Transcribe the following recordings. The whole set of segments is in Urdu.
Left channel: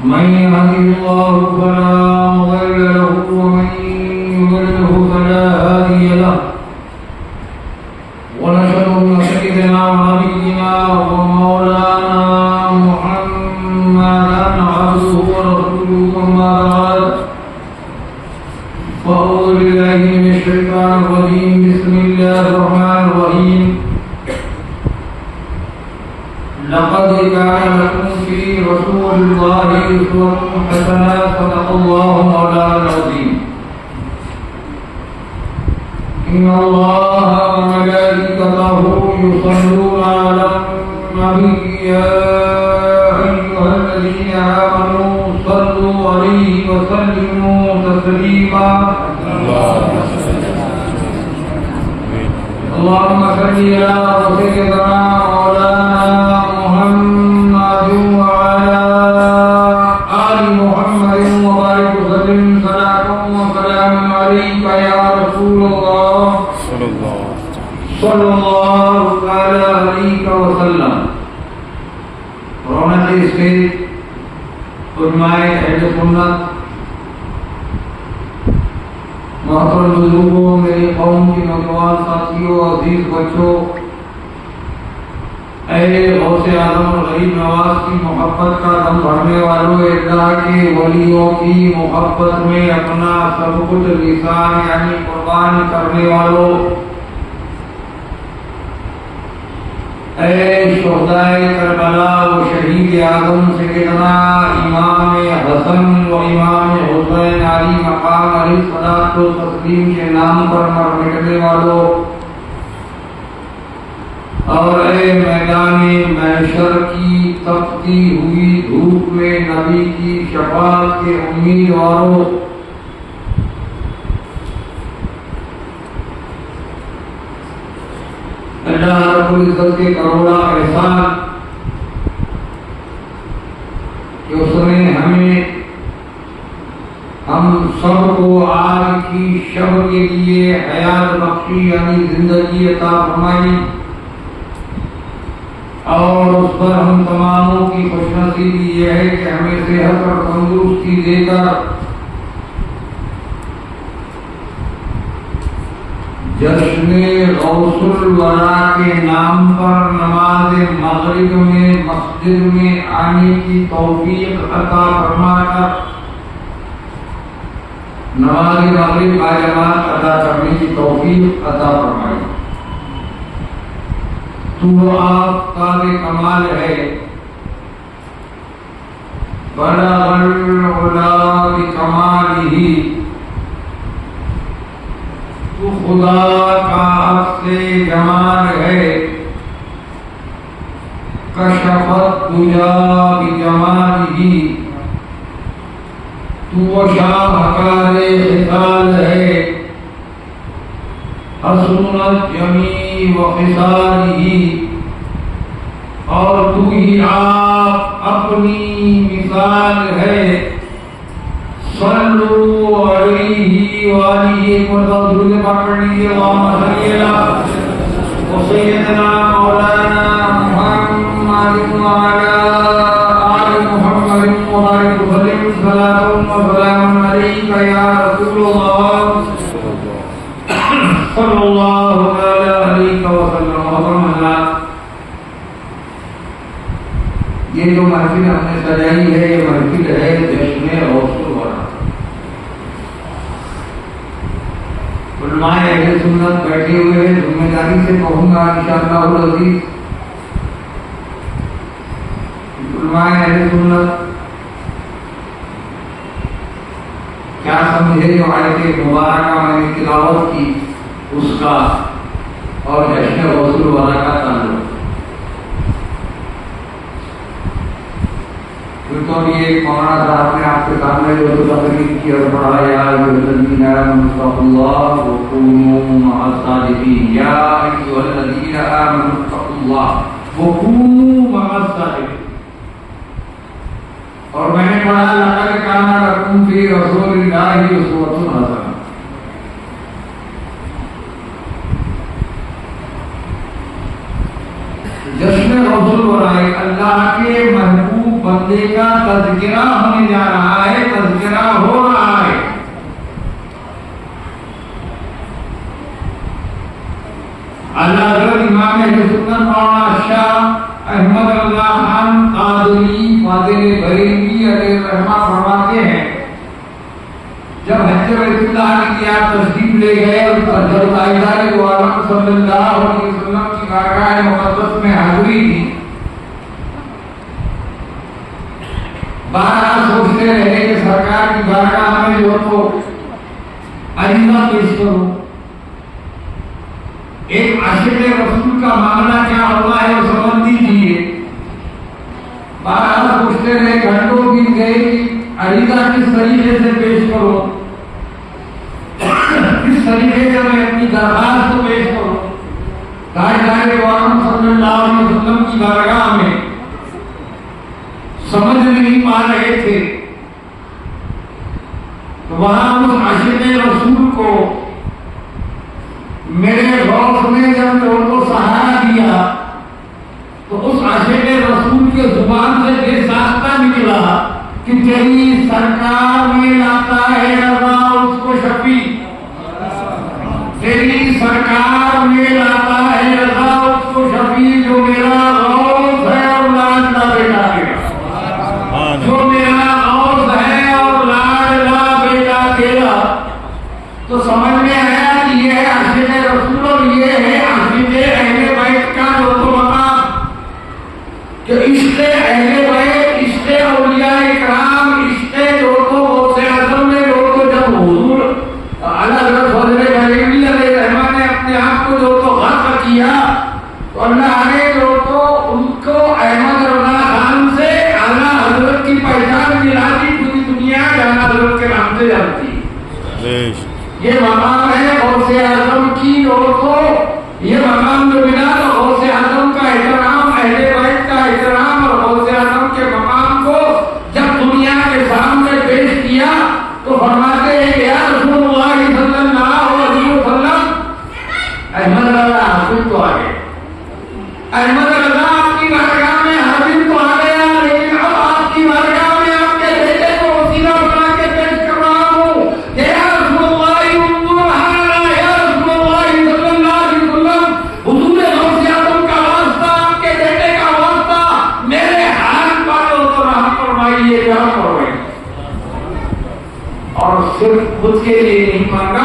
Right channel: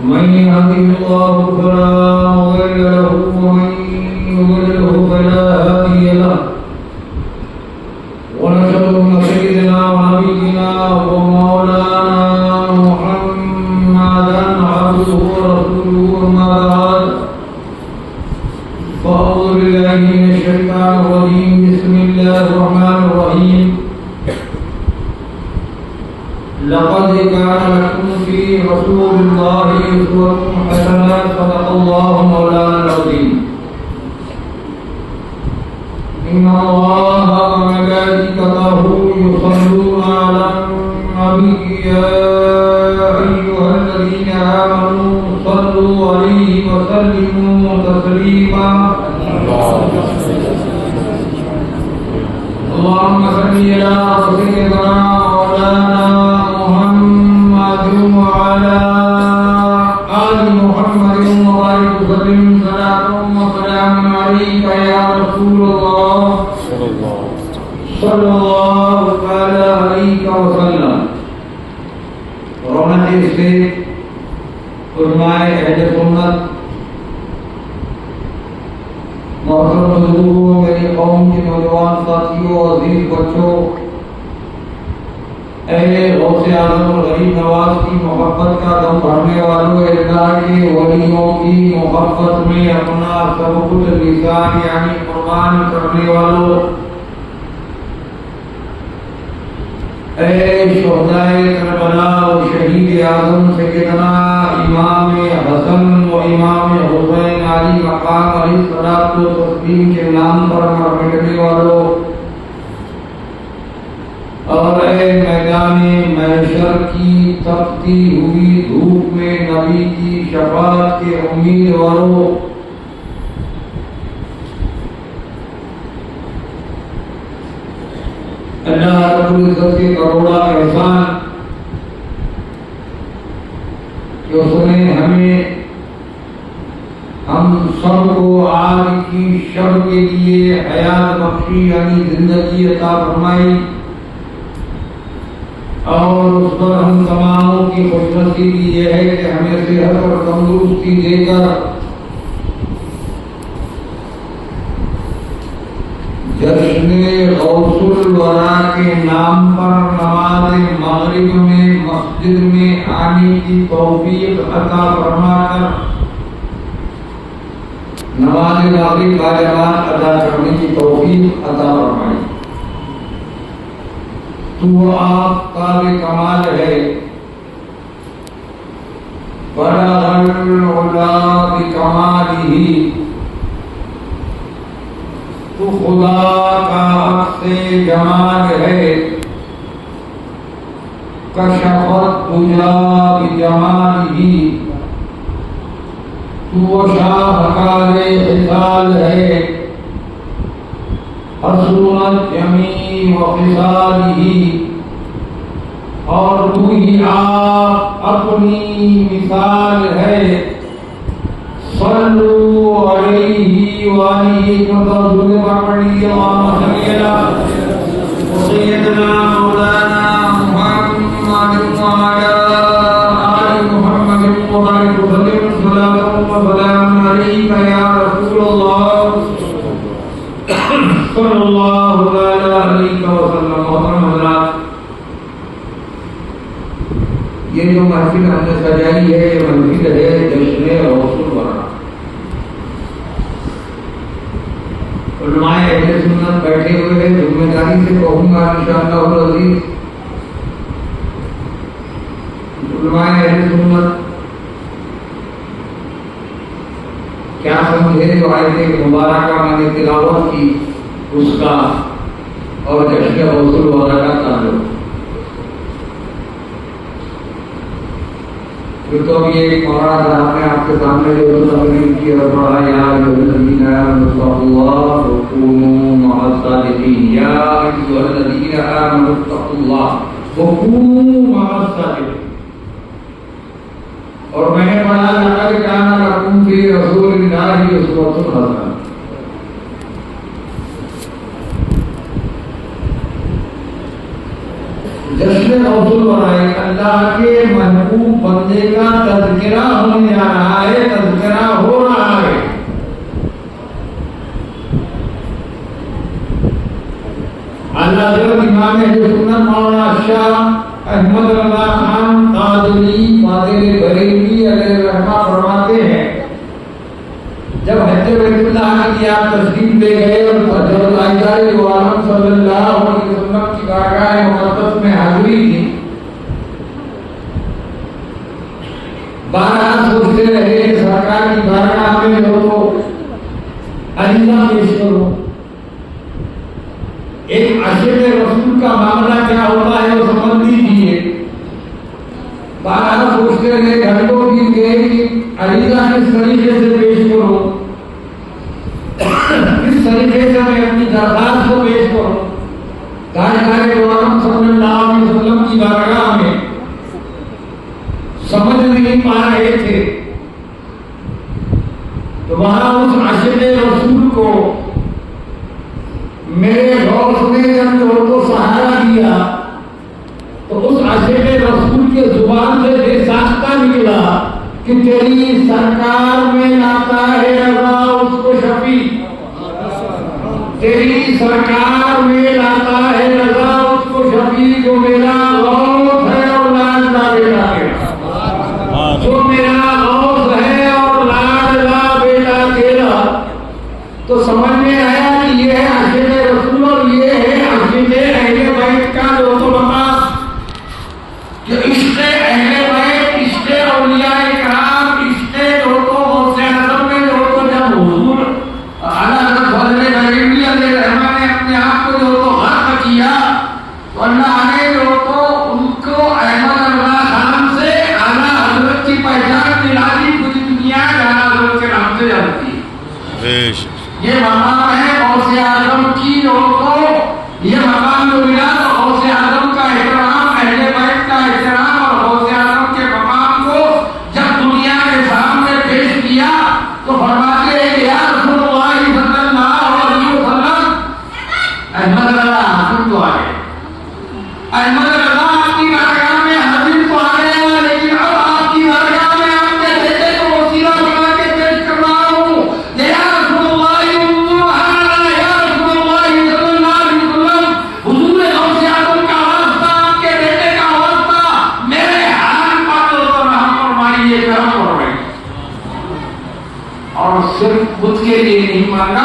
من يهده الله فلا مضل له ومن يضلله فلا هادي له، ونشهد ان سيدنا ونبينا ومولانا محمدا عبده ورسوله. اما بعد فاعوذ بالله من الشيطان الرجيم. بسم الله الرحمن الرحيم. لقد كان لكم في رسول الله أسوة حسنة. صدق الله مولانا العظيم. إن الله وملائكته يصلون على النبي يا أيها الذين آمنوا صلوا عليه وسلموا تسليما. اللهم صل على سيدنا مولانا محمد وعلى آل محمد وبارك وسلم صلاة وسلام عليك يا رسول الله صلى الله تعالى عليك وسلم. رونق اسٹیج علماء اہل سنت، محترم بزرگوں، میری قوم کے نوجوان ساتھیوں، عزیز بچوں، اہل غوث اعظم اور غریب نواز کی محبت کا دم بھرنے والوں، اللہ کے ولیوں کی محبت میں اپنا سب کچھ لسان یعنی قربان کرنے والوں، اے شہدائے کربلا و شہید اعظم سیدنا امام حسن و امام حسین علی مقام علیہ الصلوۃ والتسلیم کے نام پر مر مٹنے والوں، اور اے میدان محشر کی تپتی ہوئی دھوپ میں نبی کی شفاعت کے امیدواروں، اللہ رب العزت کے کروڑا احسان کہ اس نے ہم سب کو آج کی شب کے لیے حیات بخشی یعنی زندگی عطا فرمائی، اور اس پر ہم تماموں کی خوش نصیبی یہ ہے کہ ہمیں صحت اور تندرستی دے کر جشن غوث الورا کے نام پر نماز مغرب میں مسجد میں آنے کی توفیق عطا فرما کر نماز مغرب باجماعت ادا کرنے کی توفیق عطا فرمائی۔ تو آفتاب کمال ہے، بلغ العلا بکمالہ، تو خدا کا عکس جمال ہے، کشف الدجا بجمالہ، تو شاہکار خصال ہے، حسن الجمیع وخصالہ، اور تو ہی آپ اپنی مثال ہے، صلو علیہ وآلہ وسلم سیدنا مولانا محمد وعلی آل محمد مبارک وسلم، صلاۃ و سلام علیک یا رسول اللہ صلی اللہ علیہ وسلم۔ محترم حضرات، یہ جو محفل ہم نے سجائی ہے، یہ محفل ہے جشن غوث الورا۔ علماء اہل سنت بیٹھے ہوئے ہیں، ذمہ داری سے کہوں گا انشاءاللہ العزیز، علماء اہل سنت کیا سمجھے جو آیت مبارکہ میں نے تلاوت کی اس کا اور جشن غوث الورا کا تعلق؟ تو اب یہ مولانا صاحب نے آپ کے سامنے جو تقریر کی اور پڑھا، یا الذین آمنوا اتقوا اللہ وکونوا مع الصادقین، یا ایھا الذین آمنوا اتقوا اللہ وکونوا مع الصادقین۔ اور میں نے پڑھا، لقد کان لکم فی رسول اللہ اسوۃ حسنہ۔ جشن غوث الورا اللہ کے محبوب بندے کا تذکرہ ہونے جا رہا ہے، تذکرہ ہو رہا ہے۔ اللہ حضرت امام اہل سنت مولانا شاہ احمد رضا خان قادری فاضل بریلوی علیہ الرحمہ فرماتے ہیں، جب حج بیت اللہ کی آپ تشریف لے گئے اور جب تاجدار دو عالم صلی اللہ علیہ وسلم کی بارگاہ مقدس میں حاضری تھی، بارہا سوچتے رہے کہ سرکار کی بارگاہ میں جو تو عریضہ پیش کروں، ایک عاشق رسول کا معاملہ کیا ہوتا ہے وہ سمجھ دیجیے۔ بارہا سوچتے رہے، گھنٹوں کی گئی، عریضہ کس طریقے سے پیش کروں، کس طریقے سے میں اپنی درخواست کو پیش کروں۔ تاجدار دو عالم صلی اللہ علیہ وسلم کی بارگاہ میں سمجھ نہیں پا رہے تھے، تو وہاں اس عاشق رسول کو میرے غوث نے جب وہ تو سہارا دیا، تو اس عاشق رسول کے زبان سے بے ساختہ نکلا کہ تیری سرکار میں لاتا ہے رضا اس کو شفیع، تیری سرکار میں لاتا ہے رضا اس کو شفیع، جو میرا غوث ہے اور لاڈلا بیٹا تیرا، جو میرا غوث ہے اور لاڈلا بیٹا تیرا۔ تو سمجھ میں آیا کہ یہ ہے عاشق رسول اور یہ ہے عاشق اہل بیت کا جو مقام، کہ عشق اہل بیت، عشق اولیاء کرام، عشق جو تو غوث اعظم میں جو تو جب حضور اعلیٰ حضرت فضل بریلوی علیہ الرحمہ نے اپنے آپ کو جو تو غرق کیا، تو اللہ نے جو تو ان کو احمد رضا خان سے اعلیٰ حضرت کی پہچان دلا دی، پوری دنیا اعلیٰ حضرت کے نام سے جانتی ہے۔ یہ مقام ہے غوث اعظم کی جو تو یہ مقام جو ملا، غوث اعظم کا احترام، اہل بیت کا احترام، اور غوث اعظم کے مقام کو جب دنیا کے سامنے پیش کیا تو فرماتے ہیں کہ یا رسول اللہ صلی اللہ علیہ وسلم، احمد رضا حاضر تو آ گئے، احمد رضا آپ کی بارگاہ میں حاضر تو آ گیا، لیکن اب آپ کی بارگاہ میں آپ کے بیٹے کو وسیلہ بنا کے پیش کر رہا ہوں کہ یا رسول اللہ یا رسول اللہ صلی اللہ علیہ وسلم، حضور غوث اعظم کا واسطہ، آپ کے بیٹے کا واسطہ، میرے حال پر رحم فرمائیے، کرم فرمائیے۔ اور صرف خود کے لیے نہیں مانگا،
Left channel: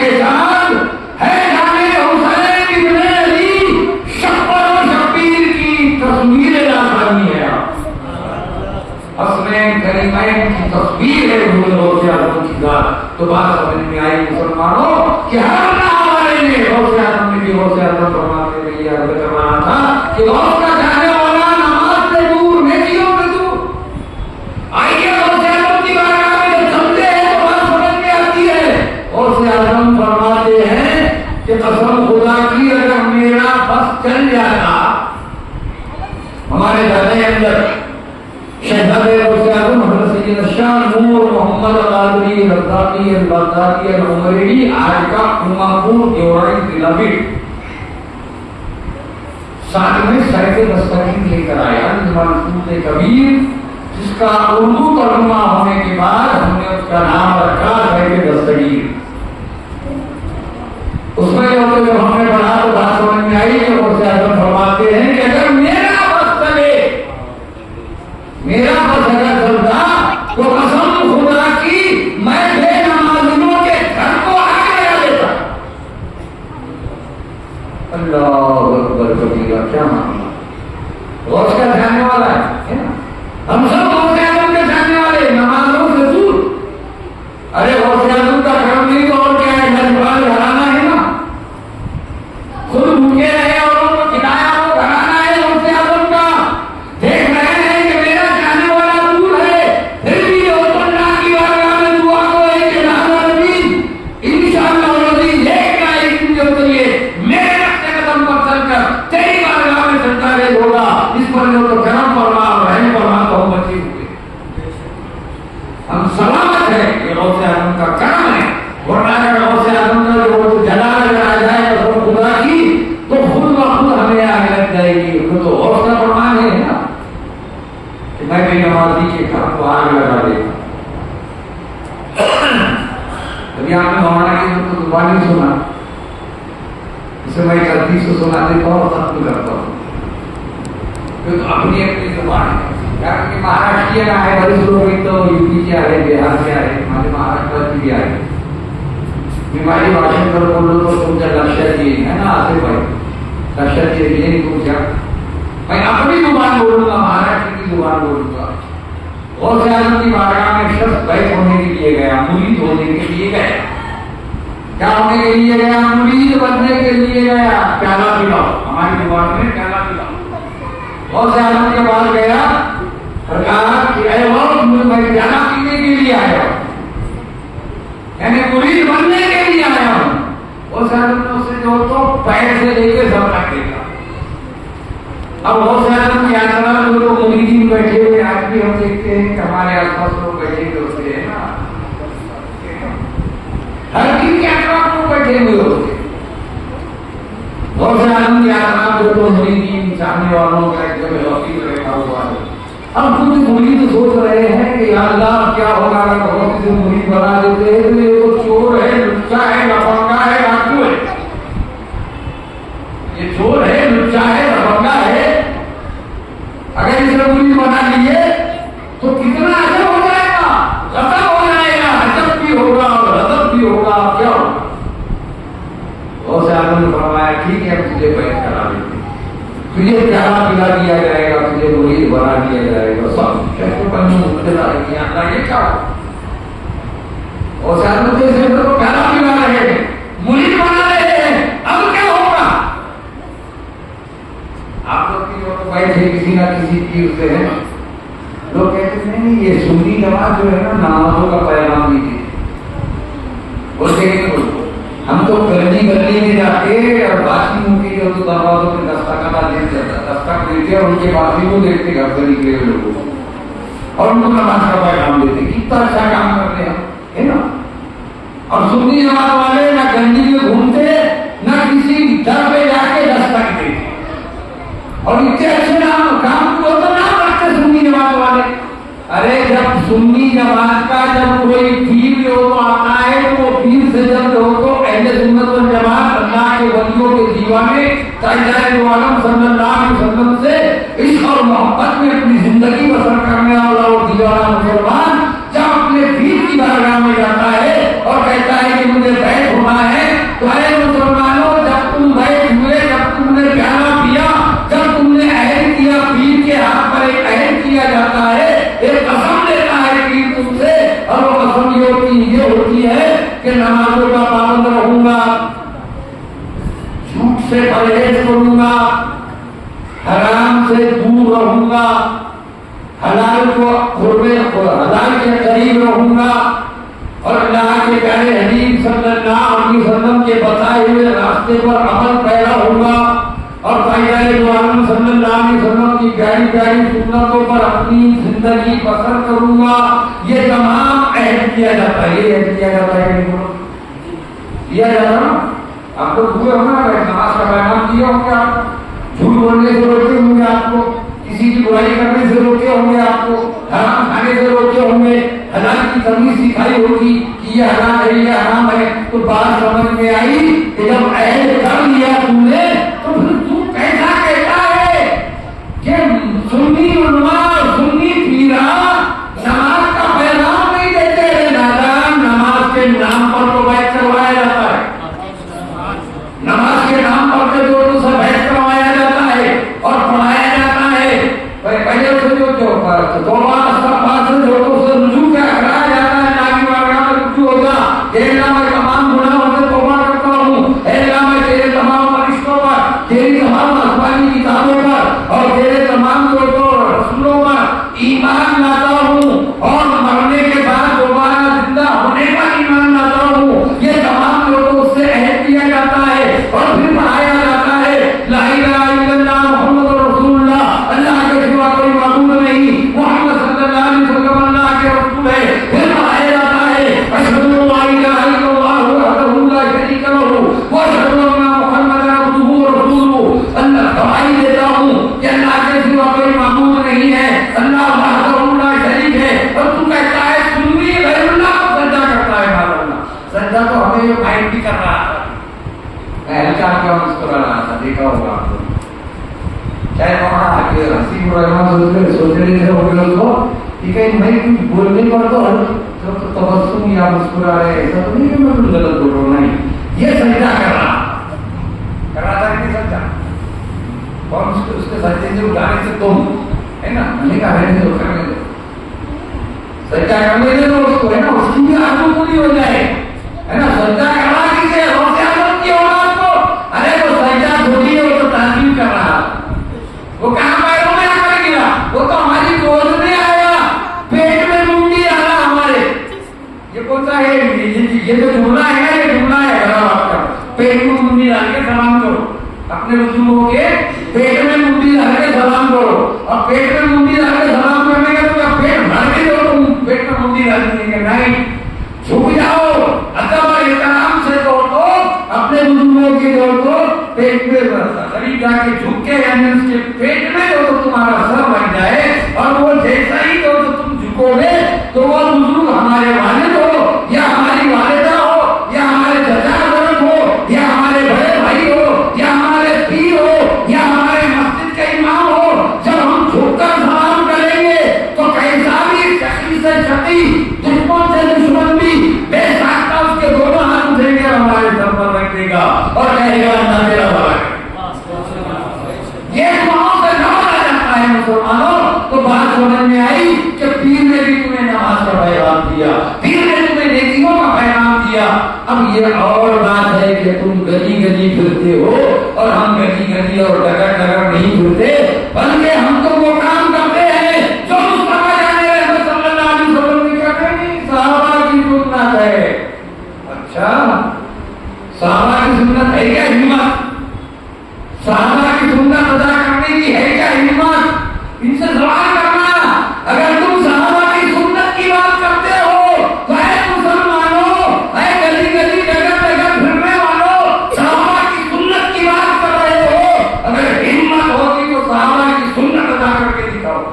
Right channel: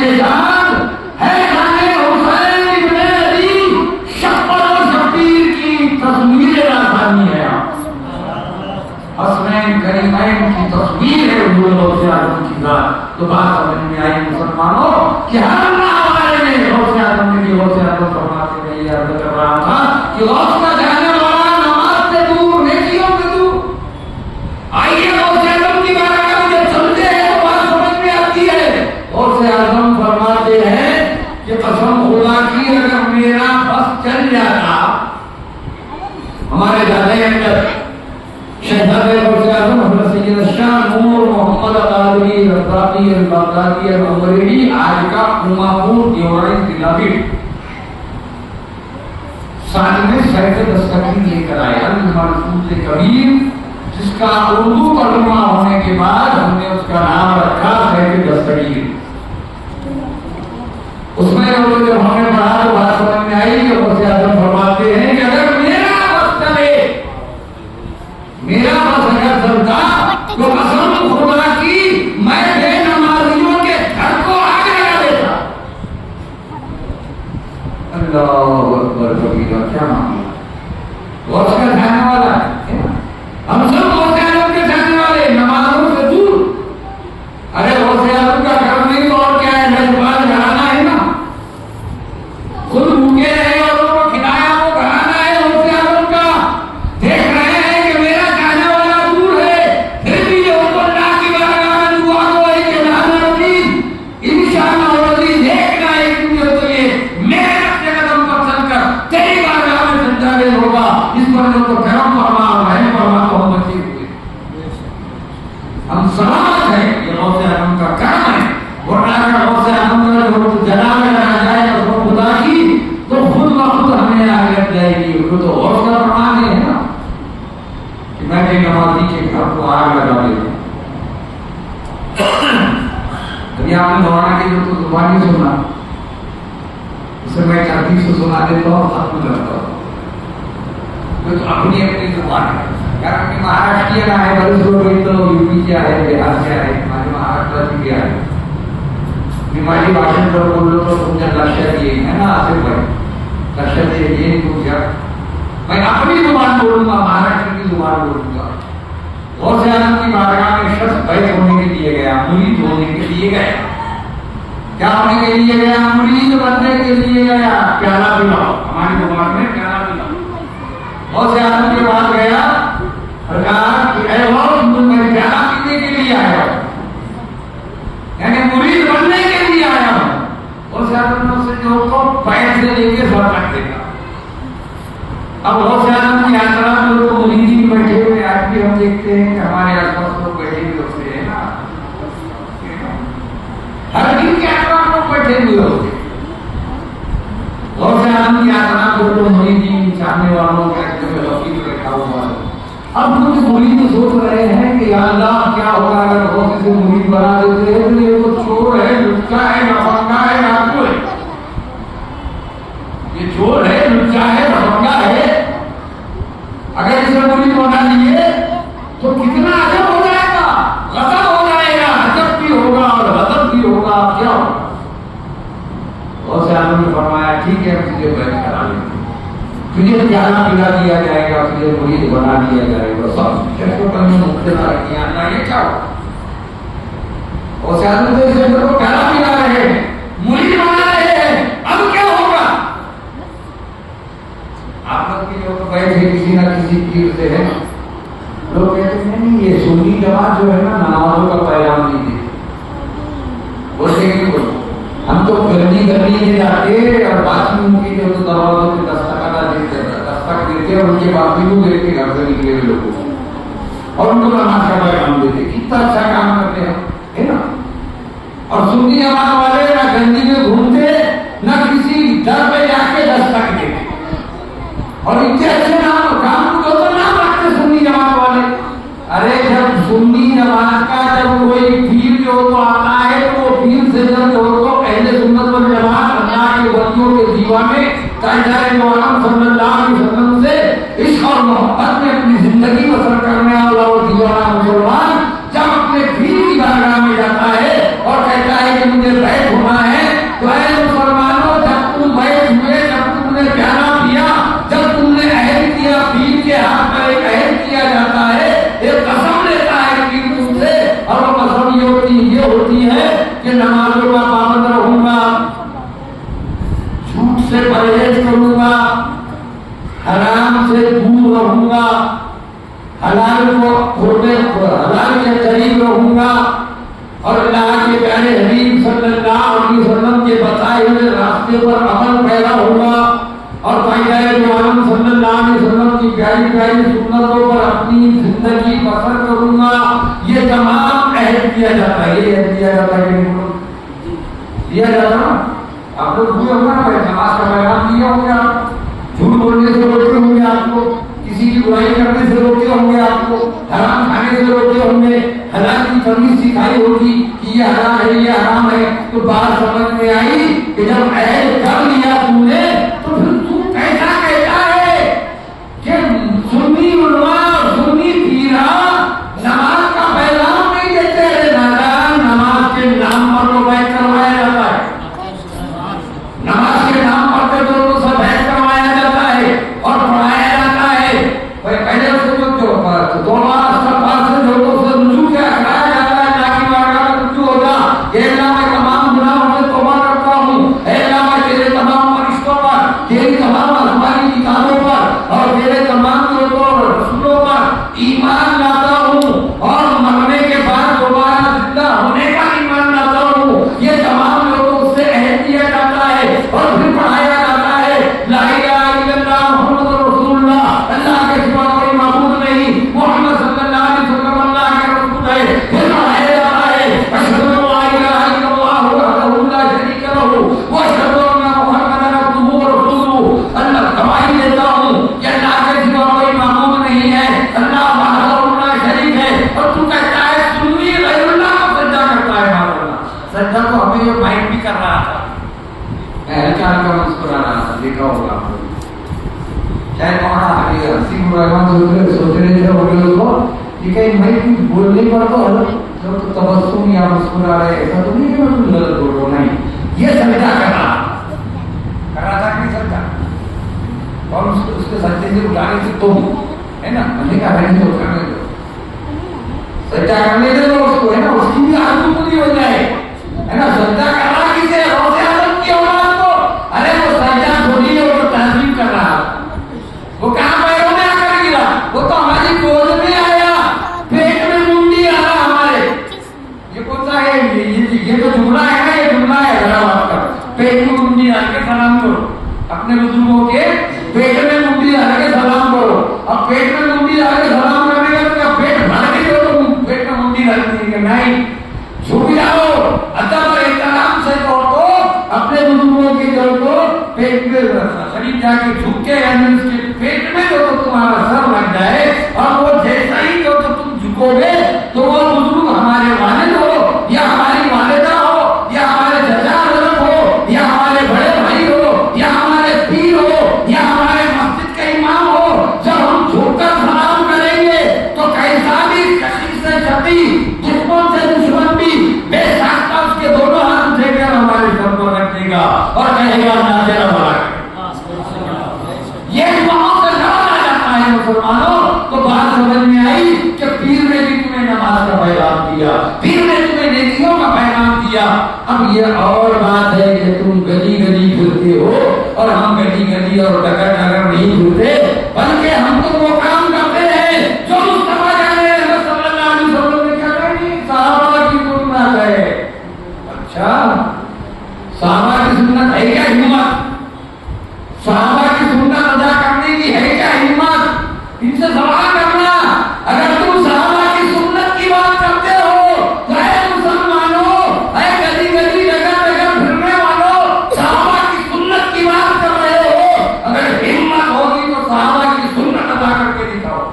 کے جان ہے جانے حسین ابن علی شبر و شبیر کی تصویر رازانی ہے. حسنین کریمین کی تصویر ہے حضور غوث اعظم کی ذات. تو بات سمجھ میں آئی مسلمانوں کہ ہر ناولے میں غوث اعظم نے غوث اعظم فرماتے ہیں. یہ عرض کر رہا تھا کہ غوث کا جانے والا نماز سے دور نیکیوں سے دور. آئیے غوث اعظم کی بارگاہ میں جب چلتے ہیں تو بات سمجھ میں آتی ہے. غوث اعظم فرماتے ہیں کہ قسم خدا کی اگر میرا بس چل جاتا. ہمارے جانے کے اندر شہزادے غوث اعظم حضرت سید شاہ نور محمد القادری رضاقی البغدادی العمری آج کا امامپور دیورائی ضلع بھی ساتھ میں سیف دستگیر لے کر آیا. منصور کبیر جس کا اردو ترجمہ ہونے کے بعد ہم نے اس کا نام رکھا سیف دستگیر. اس میں جب ہم نے پڑھا تو بات سمجھ میں آئی کہ غوث اعظم فرماتے ہیں کہ اگر میرا بس چلے میرا بس اگر چلتا تو قسم خدا کی میں بے نمازیوں کے گھر کو آگے لگا دیتا. اللہ اکبر کبیرہ. کیا معاملہ غوث کا جاننے والا ہے نا. ہم سب غوث اعظم کے جاننے والے نمازوں سے دور. ارے غوث اعظم کا گھر نہیں تو اور کیا ہے. نجوان گھرانا ہے نا. خود بھوکے رہے اور ان کو کھلایا وہ گھرانا ہے غوث اعظم کا. دیکھ رہے ہیں کہ میرا جانے والا دور ہے پھر بھی اس کو اللہ کی بارگاہ میں دعا ہو رہی کہ انشاءاللہ العزیز ایک نہ ایک دن جو تجھے میرے رکھتے قدم پر چل کر تیری بارگاہ میں سجدہ ریز ہوگا. اس پر جو تو کرم فرما رحم فرما تو ہم بچے ہوئے ہم سلامت ہیں. یہ غوث اعظم کا کرم ہے. ورنہ اگر غوث اعظم کا جو جلال لگا جائے اور خدا کی تو خود بخود ہمیں آگے لگ جائے گی. تو غوث کا فرمان ہے نا کہ میں بھی نمازی کے گھر کو آگ لگا دیتا. ابھی آپ نے مولانا کی جو زبانی سنا اسے میں ترتیب سے سنا دیتا ہوں اور ختم کرتا ہوں. تو اپنی اپنی زبان ہے. یار مہاراشٹر ہے بڑے لوگ تو یو پی سے آئے بہار سے آئے ہمارے مہاراشٹر بھی آئے. ہماری بھاشن پر بولو تو سمجھا لکشہ دیے ہے نا. آصف بھائی لکشہ دیے یہ نہیں پوچھا. میں اپنی زبان بولوں گا مہاراشٹر کی زبان بولوں گا. غوث اعظم کی بارگاہ میں شخص بیت ہونے کے لیے گیا مرید ہونے کے لیے گیا. کیا ہونے کے لیے گیا؟ مرید بننے کے لیے گیا. پیالہ پلاؤ ہماری زبان میں پیالہ پلاؤ. غوث اعظم کے بعد گیا اور کہا کہ اے غوث میں پیالہ پینے کے لیے آیا ہوں یعنی مرید بننے کے لیے آیا ہوں. غوث اعظم نے اسے جو تو پیر سے لے کے سر تک دیکھا. اب غوث اعظم کی یاترا میں لوگ مریدین بیٹھے ہوئے آج بھی ہم دیکھتے ہیں کہ ہمارے آس پاس لوگ بیٹھے ہوئے ہوتے ہیں نا. ہر دن کے اطراف لوگ بیٹھے ہوئے ہوتے. غوث اعظم کی یاترا میں لوگ مریدین چاہنے والوں کا ایک جگہ وکیل بیٹھا ہوا ہے. اب کچھ مرید سوچ رہے ہیں کہ یا اللہ کیا ہوگا اگر غوث سے مرید بنا دیتے ہیں تو یہ تو چور ہے لچا ہے لفنگا ہے ڈاکو ہے. یہ چور ہے لچا ہے لفنگا ہے. اگر اسے مرید بنا لیے تو کتنا اجر ہو جائے گا. غضب ہو جائے گا. عجب بھی ہوگا اور غضب بھی ہوگا. کیا ہوگا؟ غوث اعظم نے فرمایا ٹھیک ہے تجھے بیعت کرا دیں. تجھے پیالہ پلا دیا جائے گا. تجھے مرید بنا دیا جائے گا. سب شخصوں پر مبتلا کیا اللہ یہ کیا ہو. غوث اعظم نے اسے کو پیالہ پلا رہے ہیں مرید بنا رہے ہیں. اب کیا ہوگا؟ آپ لوگ کی جو بیٹھے کسی نہ کسی پیر سے ہے لوگ کہتے ہیں نہیں یہ سنی جماعت جو ہے نا نمازوں کا پیغام نہیں دی. بولتے کہ نہیں بولتے ہم تو گرمی میں جا کے اور باقیوں کی جو دروازوں کے دستک دیتے ہیں اور ان کے باقیوں دیکھ کے گھر سے نکلے ہوئے لوگوں کو اور ان کو نماز کا پیغام دیتے. کتنا اچھا کام کرتے ہیں ہے نا. اور سنی جماعت والے نہ گندی میں گھومتے نہ کسی در پہ جا کے دستک دیتے اور اتنے اچھے نام کام کو تو نام رکھتے سنی جماعت والے. ارے جب سنی جماعت کا جب کوئی پیر جو تو آتا ہے تو پیر سے جب جو تو اہل سنت والجماعت اللہ کے ولیوں کے دیوانے تاجدار دو عالم صلی اللہ علیہ وسلم سے عشق اور محبت میں اپنی زندگی بسر کرنے والا اور دیوانہ مسلمان جب اپنے پیر کی بارگاہ میں جاتا ہے اور کہتا ہے کہ مجھے بیعت ہونا ہے حلال کے قریب رہوں گا اور اللہ کے پیارے حبیب صلی اللہ علیہ وسلم کے بتائے ہوئے راستے پر عمل پیرا ہوگا اور پیغمبر معظم صلی اللہ علیہ وسلم کی پیاری پیاری سنتوں پر اپنی زندگی بسر کروں گا. یہ تمام عہد کیا جاتا ہے. یہ عہد کیا جاتا ہے دیا جاتا نا. آپ کو بھولے ہونا نماز کا پیغام دیا ہوں گے. آپ جھوٹ بولنے سے روکے ہوں گے, آپ کو کسی کی برائی کرنے سے روکے ہوں گے, آپ کو حرام کھانے سے روکے ہوں گے, حلال کی تمیز سکھائی ہوگی کہ یہ حلال ہے یہ حرام ہے. تو بات سمجھ میں آئی کہ جب عہد کر لیا تم نے تو پھر تم کیسا کہتا ہے کہ سنی علماء سنی پیرا نماز کا پیغام نہیں دیتے رہے دادا. نماز کے نام پر تو بیعت کروایا جاتا ہے. نماز کے نام پر تو سب بیعت کروایا جاتا ہے اور پڑھایا جاتا ہے. پہلے سے جو دو بار استغفار سے جو سے رجوع کیا کرایا جاتا ہے تاکہ بارگاہ میں رجوع ہو جا. کہ اللہ میں تمام گناہوں سے توبہ کرتا ہوں. اے اللہ میں تیرے تمام فرشتوں پر, تیری تمام آسمانی کتابوں پر اور تیرے تمام رسولوں پر ایمان لاتا ہوں اور مرنے کے بعد دوبارہ زندہ ہونے کا ایمان لاتا ہوں. یہ تمام لوگوں سے عہد کیا جاتا ہے اور پھر پڑھایا جاتا ہے لا الہ الا اللہ محمد رسول اللہ. اللہ کے سوا کوئی معبود نہیں, محمد صلی اللہ علیہ وسلم اللہ کے رسول ہے. پھر پڑھایا جاتا ہے اشہد ان لا الہ الا اللہ وحدہ لا شریک لہ واشہد ان محمدا عبدہ ورسولہ. اللہ گواہی دیتا ہوں کہ اللہ کے سوا کوئی معبود نہیں ہے, اللہ وحدہ لا شریک ہے. اور تو کہتا ہے سنی غیر اللہ کو سجدہ کرتا ہے. مانا سجدہ تو ہمیں یہ مائنڈ بھی کر رہا تھا. اہلکار کا مسکرا رہا تھا, دیکھا ہوگا آپ لوگ. شاید وہاں کہ حسین رحمان سوچ رہے تھے وہ لوگ کو کہ کہیں میں کچھ بولنے پر تو تبسم یا مسکرا رہے, ایسا تو نہیں کہ میں کچھ غلط بول رہا ہوں. نہیں, یہ سجدہ کر رہا تھا کہ نہیں سجدہ. اور اس کے سجدے سے اٹھانے سے تم ہے نا ملے کا رہنے سے اٹھانے دو, سجدہ کرنے دے دو اس کو, ہے نا, اس کی بھی آرزو پوری ہو جائے, ہے نا. سجدہ کرنا کسے روزے اعظم کی اولاد کو. ارے وہ سجدہ تھوڑی ہے, وہ تو تعظیم کر رہا تھا. وہ کہاں پیروں میں آ کر گرا, وہ تو ہماری گود میں آیا, پیٹ میں منڈی آیا ہمارے. یہ کون سا ہے یہ تو جملہ ہے نا, یہ جملہ ہے ذرا بات کر. پیٹ میں منڈی ڈال کے سلام کرو اپنے بزرگوں کے, پیٹ میں منڈی ڈال کے سلام کرو. اور پیٹ میں منڈی ڈال کے سلام کرنے کا تو پیٹ بھر کے جو پیٹ میں منڈی ڈال دیں گے. نہیں, جھک جاؤ ادب اور احترام سے تو اپنے بزرگوں کی طرف کو پیٹ میں قریب جا کے جھک کے اس کے پیٹ میں جو تو تمہارا سر لگ جائے اور وہ جیسا ہی جو تو تم جھکو گے تو وہ بزرگ ہمارے والد ہو یا ہماری والدہ ہو یا ہمارے چچا حضرت ہو یا ہمارے بڑے بھائی ہو یا ہمارے پیر ہو یا ہمارے مسجد کا امام ہو, جب ہم جھک کر سلام کریں گے تو کیسا بھی شقی سے شقی, دشمن سے دشمن بھی بے ساختہ اس کے دونوں ہاتھ اٹھے کر ہمارے سر پر رکھ دے گا اور کہے گا اللہ تیرا بھلا کرے. یہ دعاؤں سے نوازا جاتا ہے مسلمانوں. تو بات سمجھ میں آئی کہ پیر نے بھی تمہیں نماز کا پیغام دیا, پیر نے تمہیں نیکیوں کا پیغام دیا. اب یہ اور بات ہے کہ تم گلی گلی پھرتے ہو اور ہم گلی گلی اور ڈگر ڈگر نہیں پھرتے, بلکہ ہم تو وہ کام کرتے ہیں جو مصطفیٰ جان رحمت صلی اللہ علیہ وسلم نے کہا نہیں صحابہ کی سنت ہے. اچھا, صحابہ کی سنت ہے کیا ہمت؟ صحابہ کی سنت ادا کرنے کی ہے کیا ہمت؟ ان سے سوال کرنا. اگر تم صحابہ کی سنت کی بات کرتے ہو تو اے مسلمانوں, اے گلی گلی جگہ جگہ پھرنے والوں, صحابہ کی سنت کی بات کر رہے ہو. اگر ہمت ہوگی تو صحابہ کی سنت ادا کر کے دکھاؤ.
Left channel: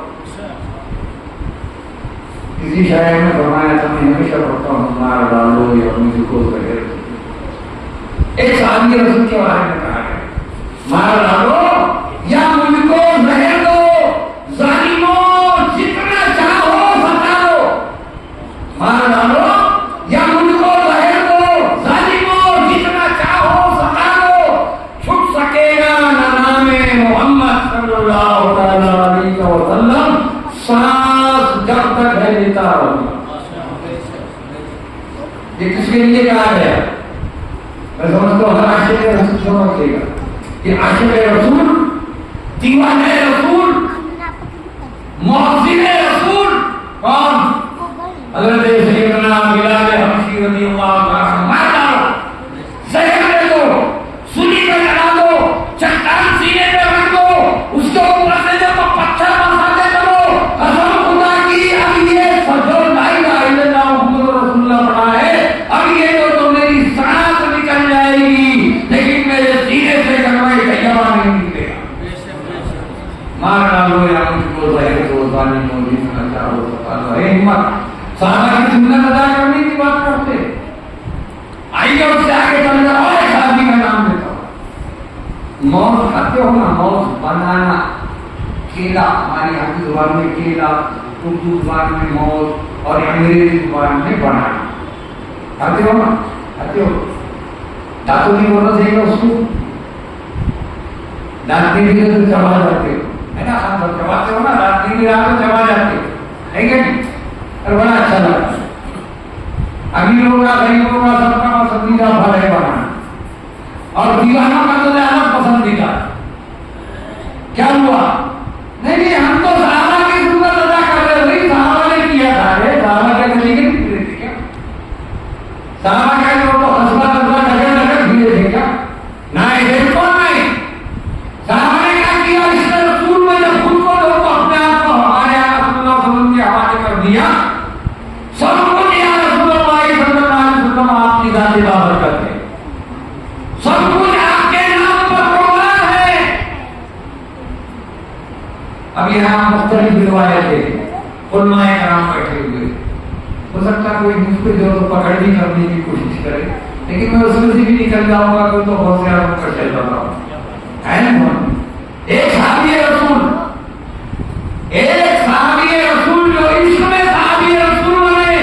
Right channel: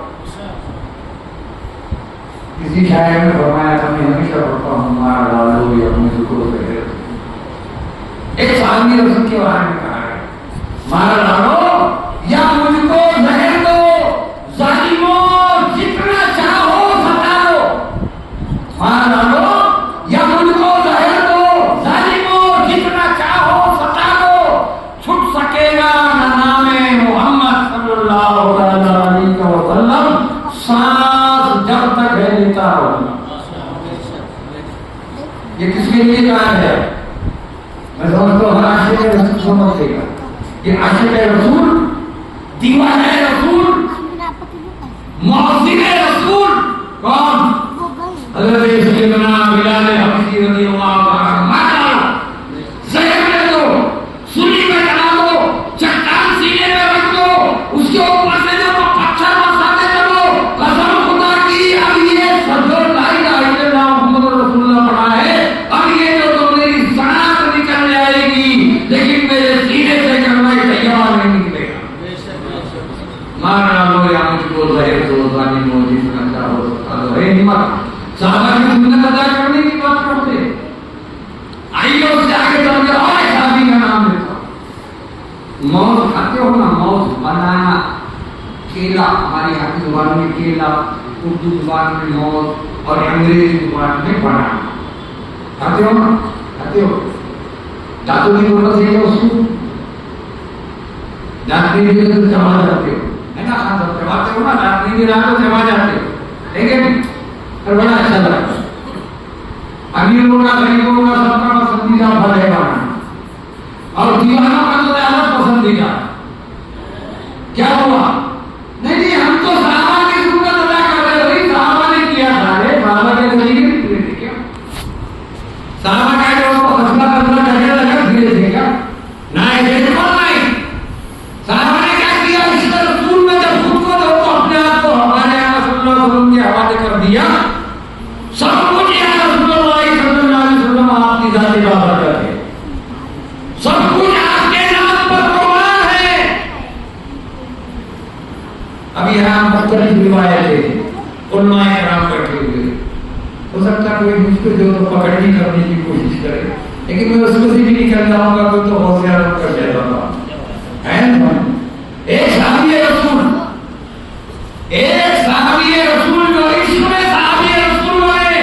کسی شاعر نے فرمایا تھا, میں ہمیشہ پڑھتا ہوں, مار ڈالو یا مجھ کو زہر. ایک صحابی رسول کے بارے میں کہا ہے, مار ڈالو یا مجھ کو زہر دو, ظالموں جتنا چاہو ستا دو. مار ڈالو یا مجھ کو زہر دو, ظالموں جتنا چاہو ستا دو. چھٹ سکے گا نہ نام محمد صلی اللہ علیہ وسلم, سانس جب تک ہے لیتا رہوں گا. یہ کس کے لیے کہا ہے؟ میں سمجھتا ہوں ہر عاشق رسول سمجھ لے گا. یہ عاشق رسول, دیوانہ رسول, مؤذن رسول کون؟ حضرت سیدنا بلال حبشی رضی اللہ تعالیٰ عنہ. مارا زہر لے دو، سلی میں چڑھا دو، چٹان سینے میں رکھ دو، اس کے اوپر سے جو پتھر برساتے چلو. قسم خدا کی اب یہ جو لا الہ الا اللہ محمد رسول اللہ پڑھا ہے، اب یہ جو میری سانس نکل جائے گی لیکن میرے سینے سے کلمہ طیبہ نہیں نکلے گا. مارا لو یا مجھ کو زہر دو ظالم موجود نہ چاہو سکتا ہے. ہمت صحابہ کی سنت ادا کرنے کی بات کرتے. آئیے اس سے آگے چل کر اور ایک صحابی کا نام لیتا ہوں. موز کھاتے ہو نا، موز بنانا، کیلا، ہماری یہاں کی زبان میں کیلا، اردو زبان میں موز اور انگریزی زبان میں بنانا. کھاتے ہو نا؟ کھاتے ہو؟ دانتوں کی بولنا چاہیے اس کو، دانت نہیں دے تو چبا جاتے ہو، ہے نا؟ چباتے ہو نا، دانت نہیں دے رہا تو چبا جاتے ہو، ہے کہ نہیں؟ اور بڑا اچھا لگتا ہے. امیروں کا غریبوں کا سب کا پسندیدہ پھل ہے بنانا، اور دیوانوں کا تو زیادہ پسندیدہ. کیا ہوا؟ نہیں ہم تو صحابہ کی سنت ادا کر رہے تھے. صحابہ نے کیا تھا، صحابہ کا طریقے نہیں پورے تھے کیا؟ صحابہ کا جو حسبہ قدرہ لگے لگے پھرے تھے کیا؟ نہیں، بالکل نہیں. صحابہ نے کیا کیا؟ اس نے رسول میں جب خود کو جو اپنے آپ کو ہمارے آقا صلی اللہ علیہ وسلم کے حوالے کر دیا، سب کچھ یا رسول اللہ صلی اللہ علیہ وسلم آپ کی ذات بابر کرتے، سب کچھ آپ کے نام پر قربان ہے. اب یہاں مختلف روایتیں علماء کرام بیٹھے ہوئے، ہو سکتا کوئی مجھ پہ جو پکڑنی کرنے کی کوشش کرے، لیکن میں اس میں سے بھی نکل جاؤں گا تو بہت زیادہ کر جائے گا. ایک صحابی رسول، ایک صحابی رسول جو عشق میں صحابی رسول بنے،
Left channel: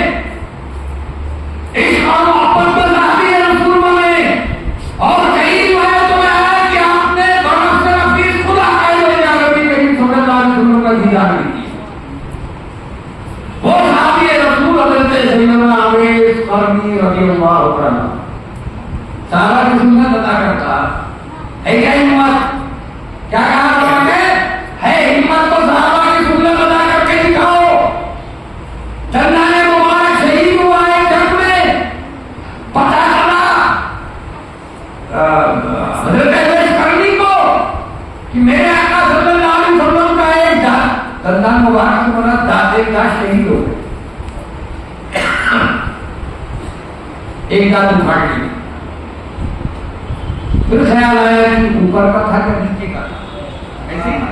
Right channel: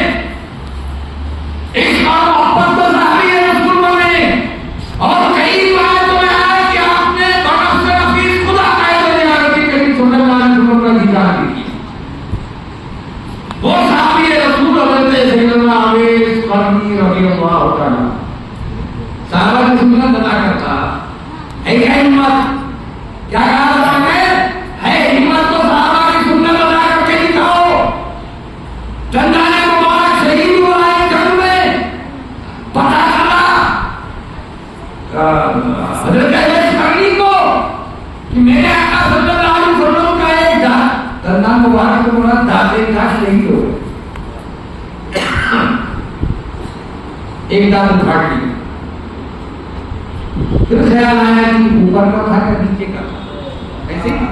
عشق اور محبت میں صحابی رسول بنے. اور کئی روایتوں میں آیا کہ آپ نے برف سے نفیس خدا قائد عربی کریم صلی اللہ علیہ وسلم کا دیدار کی. وہ صحابی رسول حضرت سیدنا اویس قرنی رضی اللہ تعالیٰ صحابہ کی سنت ادا کرتا ہے. کیا ہمت؟ کیا کہا ہے ہمت تو صحابہ کی سنت ادا کر کے دکھاؤ. چندان مبارک شہید ہوا ہے جنگ میں، پتہ چلا حضرت اویس قرنی کو کہ میرے آقا صلی اللہ علیہ وسلم کا ایک چندان مبارک کو دادے کا شہید ہو گئے. ایک داد اٹھا لی، پھر خیال آیا کہ اوپر کا تھا کہ نیچے کا تھا، ایسے نا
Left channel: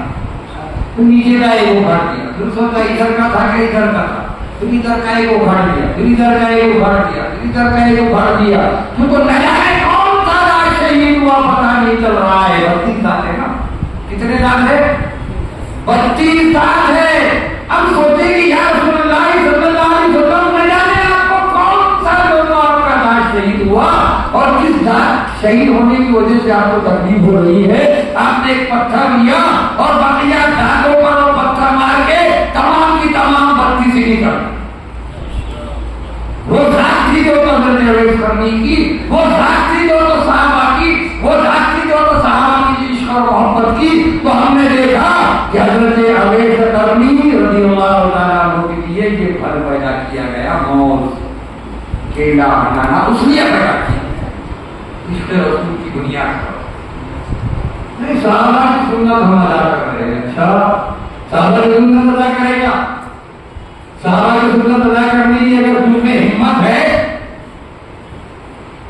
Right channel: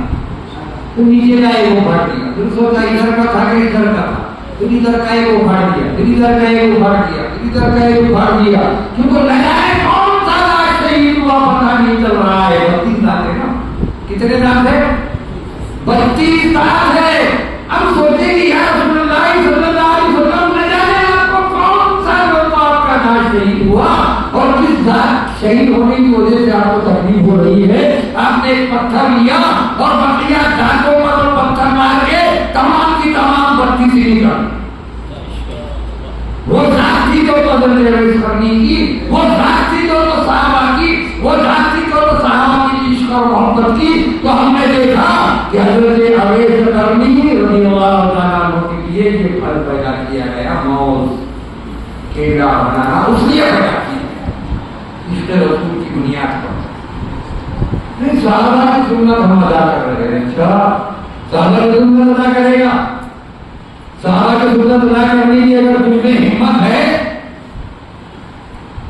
تو نیچے کا ایک اٹھا دیا. پھر سوچا ادھر کا تھا کہ ادھر کا تھا، پھر ادھر کا ایک اٹھا دیا، پھر ادھر کا ایک اٹھا دیا، پھر ادھر کا ایک اٹھا دیا. کیونکہ نہ جانے کون سا داد شہید ہوا پتہ نہیں چل رہا ہے. 32 داد ہے نا. کتنے داد ہے؟ 32 داد ہے. اب سوچے کہ یا رسول اللہ صلی اللہ علیہ وسلم نہ جانے آپ کو کون سا لوگ آپ کا داد شہید ہوا اور کس داد شہید ہونے کی وجہ سے آپ کو تکلیف ہو رہی ہے. آپ نے ایک پتھر لیا اور بقیہ دانتوں پر پتھر مار کے تمام کی تمام 32 سے نکل. وہ ذات تھی جو حضرت اویس قرنی کی، وہ ذات تھی جو صحابہ کی، وہ ذات تھی جو صحابہ کی عشق اور محبت کی. تو ہم نے دیکھا کہ حضرت اویس قرنی رضی اللہ تعالیٰ عنہ کے لیے یہ پھل پیدا کیا گیا، موز، کیلا بنانا اس لیے پیدا کیا عشق رسول کی بنیاد پر. نہیں صحابہ کی سنت ہم ادا کر رہے ہیں. اچھا صحابہ کی سنت ادا کرے گا؟ صحابہ کی سنت ادا کرنے کی اگر تم میں ہمت ہے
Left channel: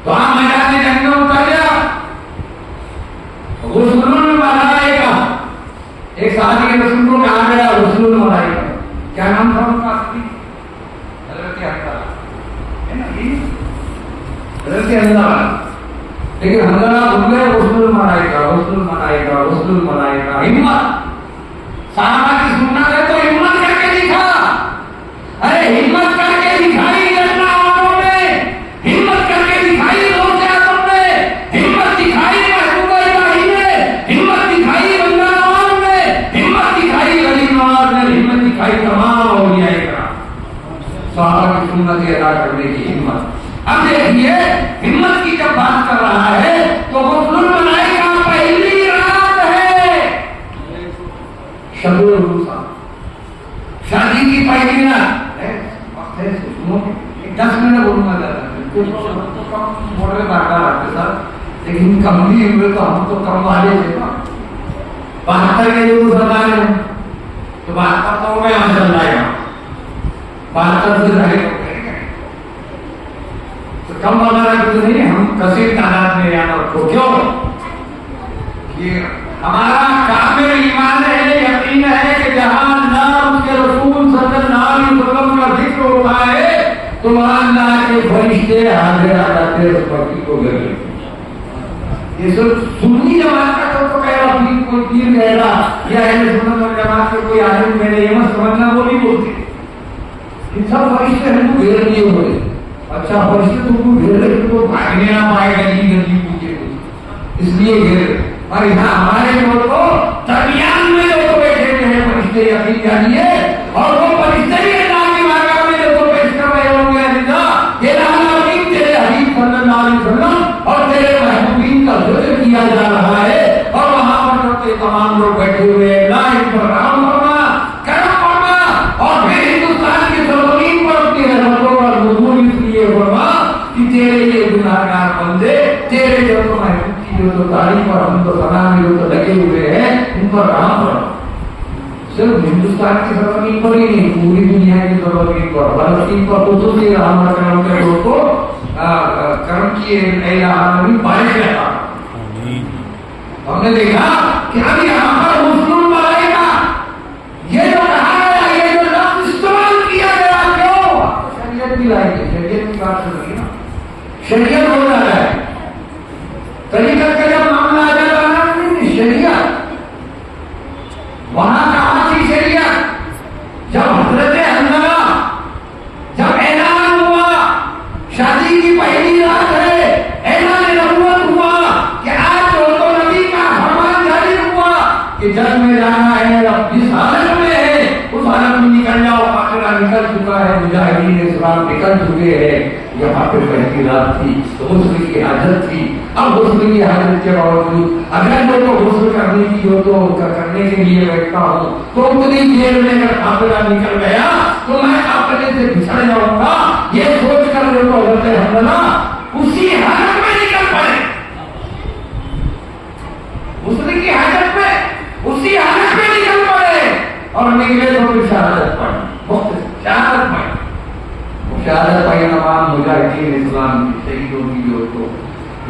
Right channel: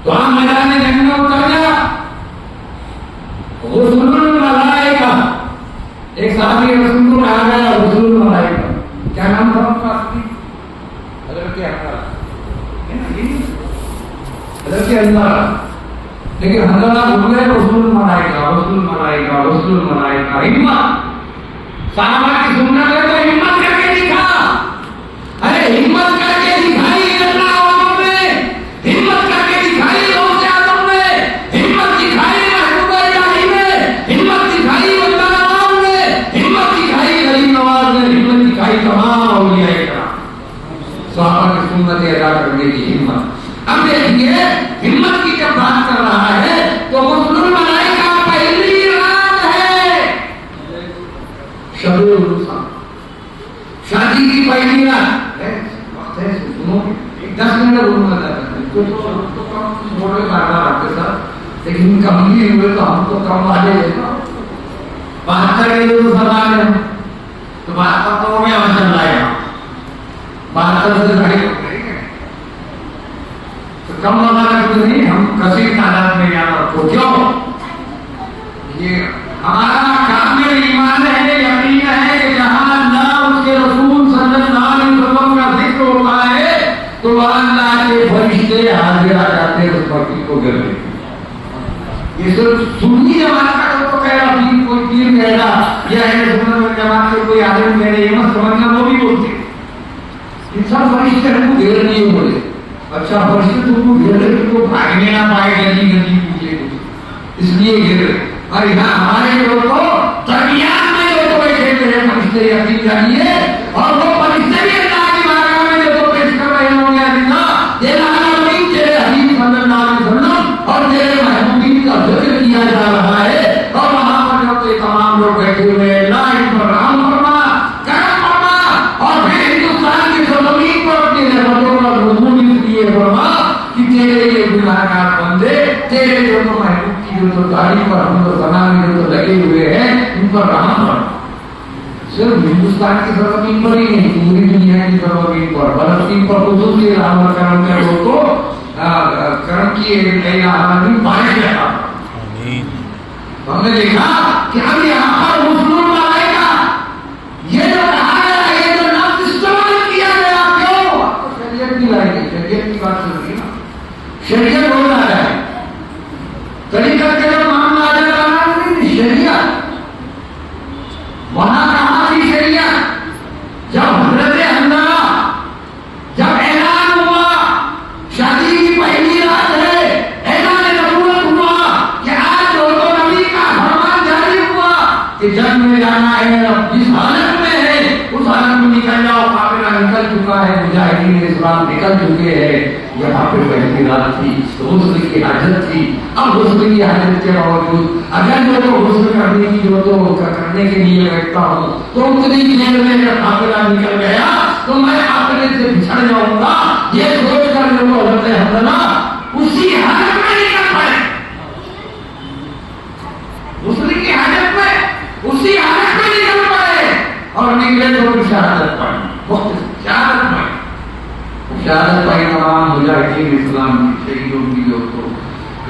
تو ہم میدان جنگ میں اتر جا. غسل الملائکہ، ایک صحابی کے رسول کو کہا گیا غسل الملائکہ. کیا نام تھا ان کا اصلی؟ حضرت حنظلہ ہے نا، حضرت حنظلہ. لیکن حنظلہ بول گئے غسل الملائکہ، غسل الملائکہ، غسل الملائکہ. ہمت صحابہ کی سنت ہے تو ہمت کر کے دکھا. ارے ہمت کر کے دکھائی اللہ والوں نے، ہمت کر کے دکھائی غوث اعظم نے، ہمت دکھائی محبوب الہی نے، ہمت دکھائی ولی نواز نے، ہمت دکھائی ولی نواز نے، ہمت دکھائی تمام اولیاء کرام. صحابہ کی سنت ادا کرنے کی ہمت. اب دیکھیے ہمت کی جب بات کر رہا ہے تو غسل الملائکہ پہلی رات ہے، شب الوسطی. لیکن کم بھی ہوئے تو ہم تو کم والے ہیں. 72 کے جو سوال ہے تو 72 تو میں ہم چل رہے ہیں 72 سے بڑے ہو گئے تو کم وغیرہ کچھ نہیں. ہم کثیر تعداد میں یہاں رکھو. کیوں؟ یہ ہمارا کامل ایمان ہے, یقین ہے کہ جہاں اللہ اس کے رسول صلی اللہ علیہ وسلم کا ذکر ہو رہا ہے تو وہاں اللہ کے فرشتے حاضر آتے اس بھکتی کو گر رہے. یہ صرف سنی جماعت کا تو کہہ رہا ہے, کوئی پیر کہہ رہا یا سنت جماعت سے کوئی آدمی کہہ رہا, یہ مت سمجھنا وہ بھی بولتے کہ سب فرشتے ہم کو گھیر لیے ہوئے. اچھا فرشتے تم کو گھیر لے تو بھاگنے نہ پائے گلی گلی پوچھے اس لیے گھیر رہے. اور یہاں ہمارے لوگ کو درمیان میں جو تو بیٹھے ہیں فرشتے یقین جانیے, اور وہ فرشتے بھی اللہ کی بارگاہ میں جو تو پیش کر رہے ہوں گے اللہ یہ العالمین تیرے حبیب صلی اللہ علیہ وسلم اور تیرے محبوبین کا ذکر کیا جا رہا ہے. اور وہاں پر جو تمام لوگ بیٹھے ہوئے اللہ ان پر رحم فرما, کرم فرما, اور پھر ہندوستان کی سرزمین پر اپنی رحمتوں کا نزول اس لیے فرما کہ تیرے یہ گناہگار بندے تیرے جو تو محبوب جو تو تعریف اور ہم تو ثنا میں جو تو لگے ہوئے ہیں ان پر رحم فرما. صرف ہندوستان کی سرزمین پر ہی نہیں, پوری دنیا کی سرزمین پر, فلسطین پر خصوصی رحم اور کرم کر لو تو کرم کی الہ العالمین بارش عطا. ہم نے دیکھا کہ اب یہاں پر مسلم ملائکہ یہ جو کہا ہے, یہ جو لفظ استعمال کیا گیا, کیوں؟ شریعت کی لائی گئی, شریعت کی بات سن رہی نا, شریعت ہو رہا ہے طریقہ کے معاملہ آ جا رہا ہے. شریعت وہاں کہاں تھی شریعت؟ جب حضرت حنظلہ جب اعلان ہوا, شادی کی پہلی رات ہے, اعلان نبوت ہوا کہ آج ہو تو نبی کا فرمان جاری ہوا کہ جنگ میں جانا ہے, اب جس حالت میں ہے اس حالت میں نکل جاؤ. قافلہ نکل چکا ہے, مجاہدین اسلام نکل چکے ہیں. یہاں پہ پہلی رات تھی, غسل کی حاجت تھی. اب غسل کی حاجت کے باوجود اگر میں تو غسل کرنے کی جو تو کرنے کے لیے بیٹھتا ہوں تو اتنی دیر میں اگر قافلہ نکل گیا تو میں قافلے سے بچھڑ جاؤں گا, یہ سوچ کر جو تو حضرت حنظلہ اسی حالت میں نکل پڑے, غسل کی حاجت میں اسی حالت میں نکل پڑے اور نکلے تو شہادت پڑھی. شہادت پڑھی, شہادت پائی تمام مجاہدین اسلام کی شہیدوں کی جو تو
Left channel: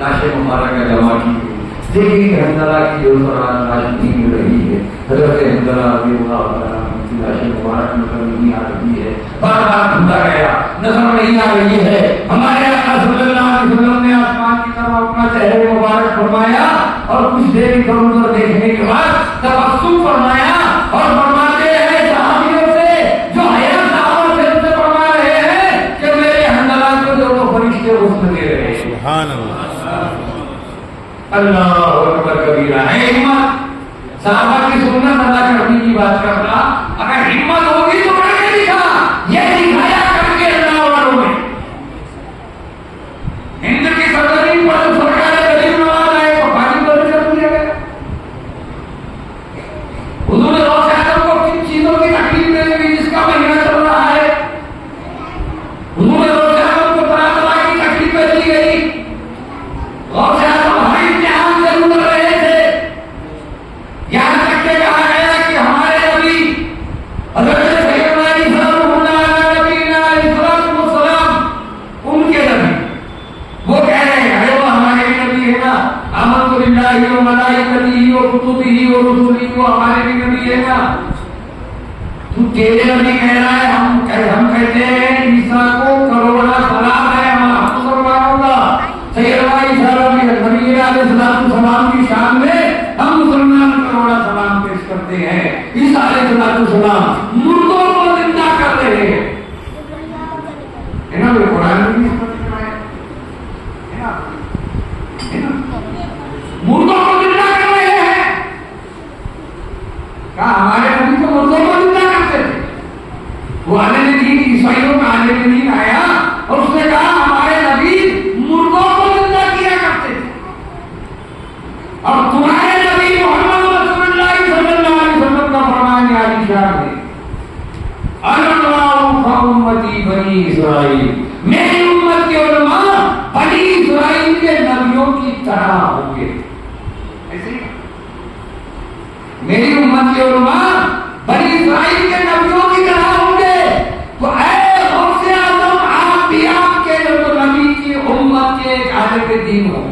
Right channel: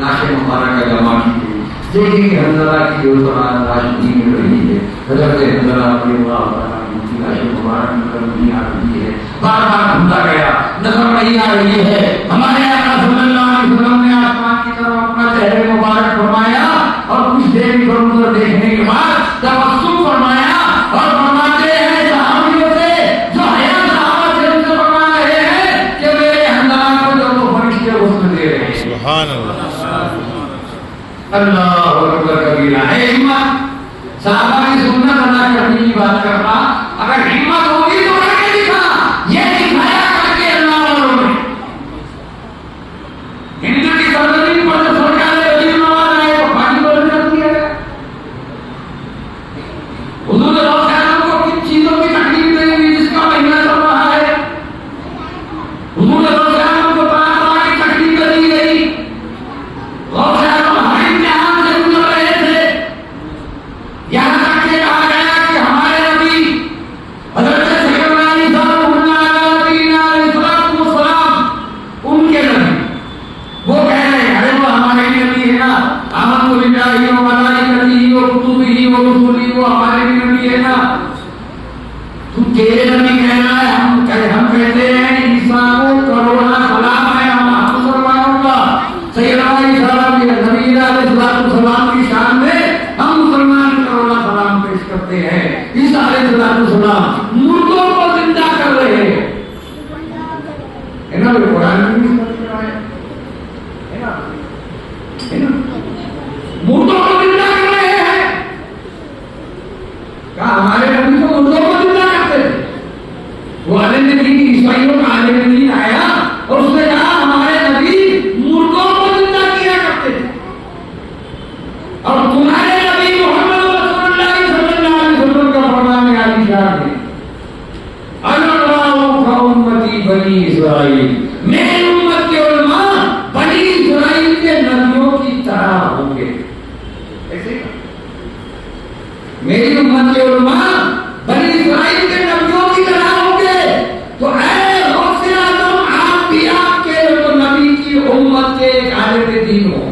لاش مبارکہ جمع کی ہوئی. دیکھیں کہ حنظلہ کی جو تو راشدی میں رہی ہے, حضرت حنظلہ رضی اللہ تعالیٰ کی لاش مبارک نظر نہیں آ رہی ہے, بار بار ڈھونڈا گیا نظر نہیں آ رہی ہے. ہمارے آقا صلی اللہ علیہ وسلم نے آسمان کی طرف اپنا چہرہ مبارک فرمایا اور کچھ دیر ادھر ادھر دیکھنے کے بعد تبسم فرمایا اور فرماتے ہیں صحابیوں سے جو حیا صحابہ سے ان سے فرما رہے ہیں کہ میرے حنظلہ کو جو وہ فرشتے غسل دے رہے ہیں. سبحان اللہ, اللہ اکبر کبیرہ. ہے ہمت صحابہ کی سنت ادا کرنے کی بات کر رہا, اگر ہمت ہوگی تو کر کے دکھا. یہ دکھایا کر کے اللہ والوں نے ہند کی سرزمین پر جو سرکار غریب نواز رہے تو پانی بند کر دیا گیا. حضور روزانہ کو کن چیزوں کی تکلیف نہیں ہوئی جس کا مہینہ چل رہا ہے. حضور روزانہ کو طرح طرح کی تکلیفیں دی گئی. روزانہ ہر امتحان سے گزر رہے تھے, یہاں تک کہ کہا گیا کہ ہمارے نبی حضرت سیدنا عیسیٰ نبی علیہ السلام ان کے نبی وہ کہہ رہے ہیں ارے وہ ہمارے نبی ہے نا, آمنت باللہ و ملائکتہ و کتبہ و رسلہ, وہ ہمارے بھی نبی ہے نا. تو تیرے نبی کہہ رہا ہے, ہم کہتے ہیں عیسیٰ کو کروڑا سلام ہے ہم مسلمانوں کا. سیدنا عیسیٰ نبی علیہ السلام کی شان میں ہم مسلمان کروڑا سلام پیش کرتے ہیں. عیسیٰ علیہ السلام مردوں کو زندہ کر رہے ہیں. ہے نا, وہ قرآن کی مردوں کو زندہ کر رہے ہیں. کہا ہمارے نبی تو مردوں کو زندہ کرتے تھے. وہ عالم دین عیسائیوں کا عالم دین آیا اور اس نے کہا ہمارے نبی مردوں کو زندہ کیا کرتے تھے اور تمہارے نبی محمد رسول اللہ صلی اللہ علیہ وسلم کا فرمان ہے علی شان ہے انا امتی بنی اسرائیل, میری امت کے علماء بنی اسرائیل کے نبیوں کی طرح میری امت کے علماء بنی اسرائیل کے نبیوں کی طرح ہوں گے، تو اے غوث اعظم آپ بھی آپ کے نبی کی امت کے ایک عالم دین ہو۔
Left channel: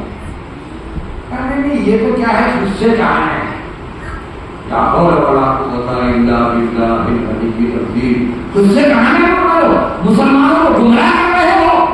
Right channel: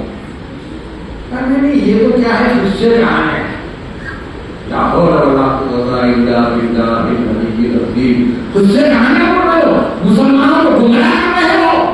نہیں یہ تو کیا ہے، اس سے کہاں ہے، لا حول ولا قوت الا باللہ العلی العظیم، اس سے کہاں ہے، مسلمانوں کو گمراہ کر رہے ہو۔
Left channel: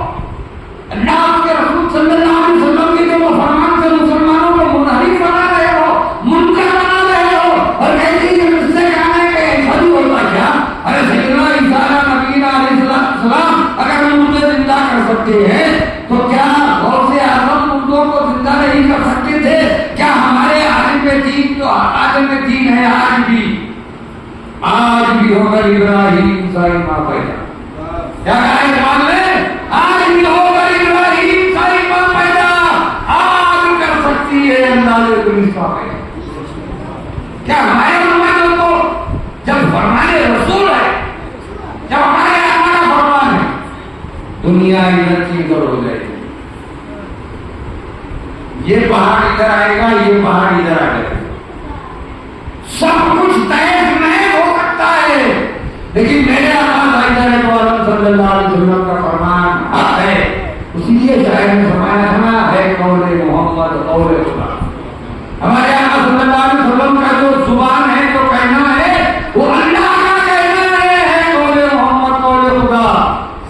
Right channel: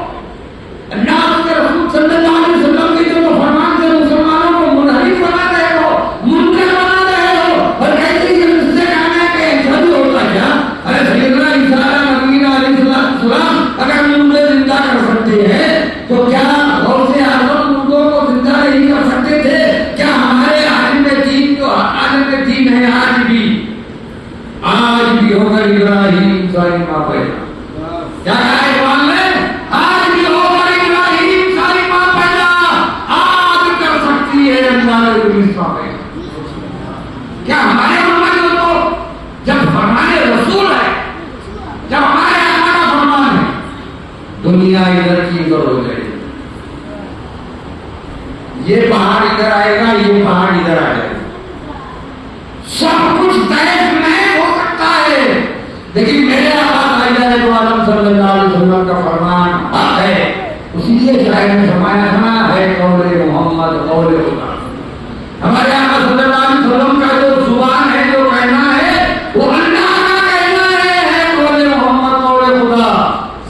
اللہ کے رسول صلی اللہ علیہ وسلم کے جو فرمان سے مسلمانوں کو منحرف بنا رہے ہو، منکر بنا رہے ہو، اور کہتے ہیں اس سے کہاں ہے کہ ایسا بھی ہوتا کیا؟ ارے سیدنا عیسیٰ نبی علیہ السلام اگر ہم مردے زندہ کر سکتے ہیں تو کیا غوث اعظم مردوں کو زندہ نہیں کر سکتے تھے؟ کیا ہمارے عالم دین جو عالم دین ہے آج بھی ہوگا ابراہیم ساری ماں پیدا، کیا کہا اقبال نے؟ آج بھی ہوگا ابراہیم ساری ماں پیدا، آج کر سکتی ہے اللہ نے پولیس ماں پیدا۔ کیا ہمارے ممالک تو جب فرمان رسول ہے، جب ہمارے آقا کا فرمان ہے، دنیا ادھر کی ادھر ہو جائے گی، یہ پہاڑ ادھر آئے گا، یہ پہاڑ ادھر آ جائے گا، سب کچھ طے میں ہو سکتا ہے، لیکن میرے آقا حضرت عالم صلی اللہ علیہ وسلم کا فرمان حق ہے۔ اسی لیے شاعر نے فرمایا سنا ہے قول محمد قول خدا، ہمارے آقا صلی اللہ علیہ وسلم کا جو زبان ہے، جو کہنا ہے، وہ اللہ کا کہنا ہے، قول محمد قول خدا،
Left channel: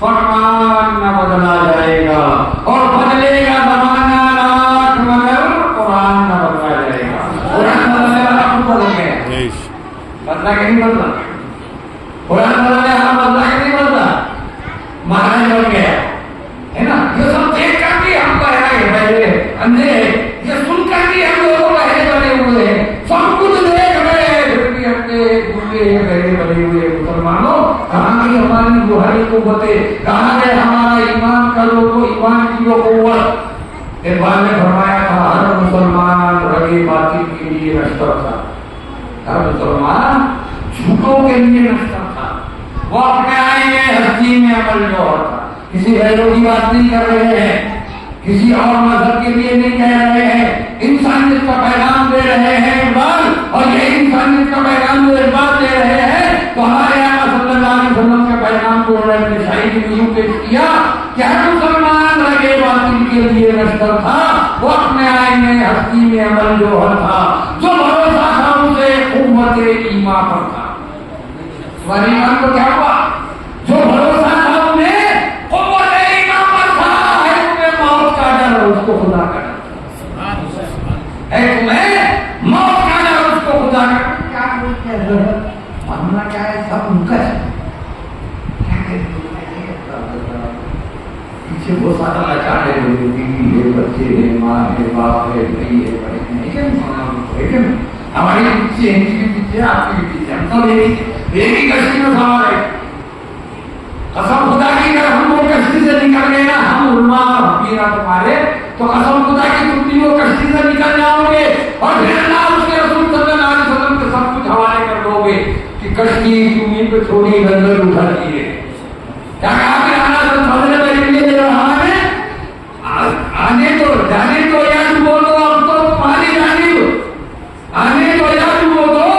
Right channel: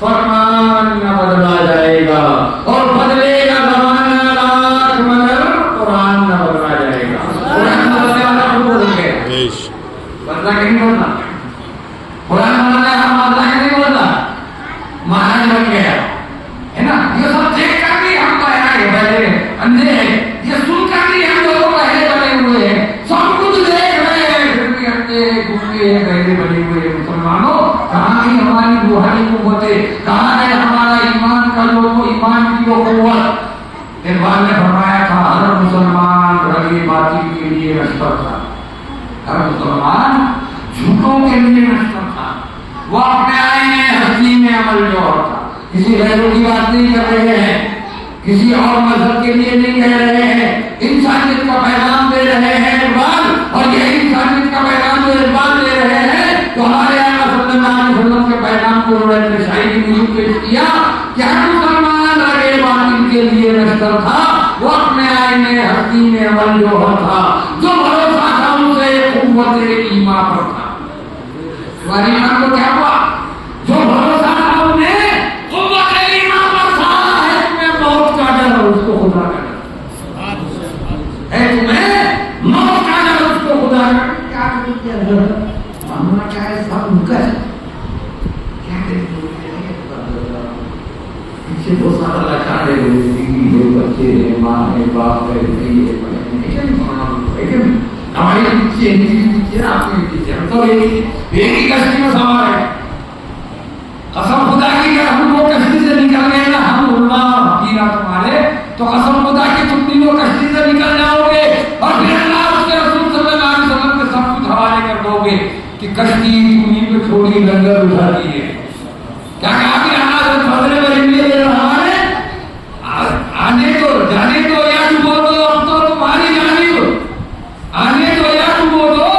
فرمان نہ بدلا جائے گا، اور بدلے گا زمانہ لاکھ مگر قرآن نہ بدلا جائے گا۔ قرآن بدلا کہ نہیں بدلا؟ قرآن بدلا ہم بدلا کہ نہیں بدلا؟ مہاراج بن گیا ہے نا، یہ سب دیکھ کر بھی ہم بہرے اندھے ہیں، یہ سن کر بھی ہم لوگوں بہرے بنے ہوئے ہیں، سب کچھ دیکھ رہے ہیں پھر بھی اندھے گونگے بہرے بنے ہوئے ہیں۔ مسلمانوں کہاں گئی ہماری روحانی قوتیں، کہاں ہے ہمارا ایمان کا لوگو، ایمان کی وہ قوت؟ اقبال نے فرمایا تھا ہر مسلمان رگے باطل کے لیے نشتر تھا، ہر مسلمان جھوٹوں کے لیے نشتر تھا، وہ اپنے آئینے ہستی میں عمل جوہر تھا۔ کسی غیروں کی بات نہیں کر رہے ہیں، کسی اور مذہب کے لیے نہیں کہہ رہے ہیں، انسانیت کا پیغام دے رہے ہیں اقبال، اور یہ انسانیت کا پیغام جو اقبال دے رہے ہیں تو ہمارے آقا صلی اللہ علیہ وسلم کے پیغام کو انہوں نے اپنی شاعری میں یوں پیش کیا کہ ہر مسلمان رگے باطل کے لیے نشتر تھا، وہ اپنے آئینے ہستی میں عمل جوہر تھا، جو بھروسہ تھا اسے قوت ایمان پر تھا۔ تمہاری ایمان کو کیا ہوا؟ جو بھروسہ تھا انہیں قوت ایمان پر تھا، ہے تمہیں موت کا ڈر اس کو خدا کا ڈر، ہے تمہیں موت کا ڈر اس کو خدا کا ڈر۔ ہمارا کیا ہے، سب مکر کیا کہتے ہیں، پیچھے وہ سارا لگا ہے، بیوی ہے، بچے ہیں، ماں ہے، باپ ہے، بھائی ہے، لیکن ہمارے پیچھے پیچھے آپ کے پیچھے ہم سب ایک ہی کشتی میں سوار ہے۔ قسم خدا کی اگر ہم وہ کشتی سے نکل گئے نا، ہم علماء اور حقیرہ تمہارے، تو قسم خدا کی تم بھی وہ کشتی سے نکل جاؤ گے، اور پھر اللہ اس کے رسول صلی اللہ علیہ وسلم کے سب کچھ حوالے کر دو گے کہ کشتی تمہیں پہ چھوڑی لنگر اٹھا دی ہے۔ کیا کہا کہ آنا سے فضل بری دے رہا ہے، آنے تو جانے تو یا ڈبو دو، اب تو تمہاری جانب، آنے تو یا ڈبو دو،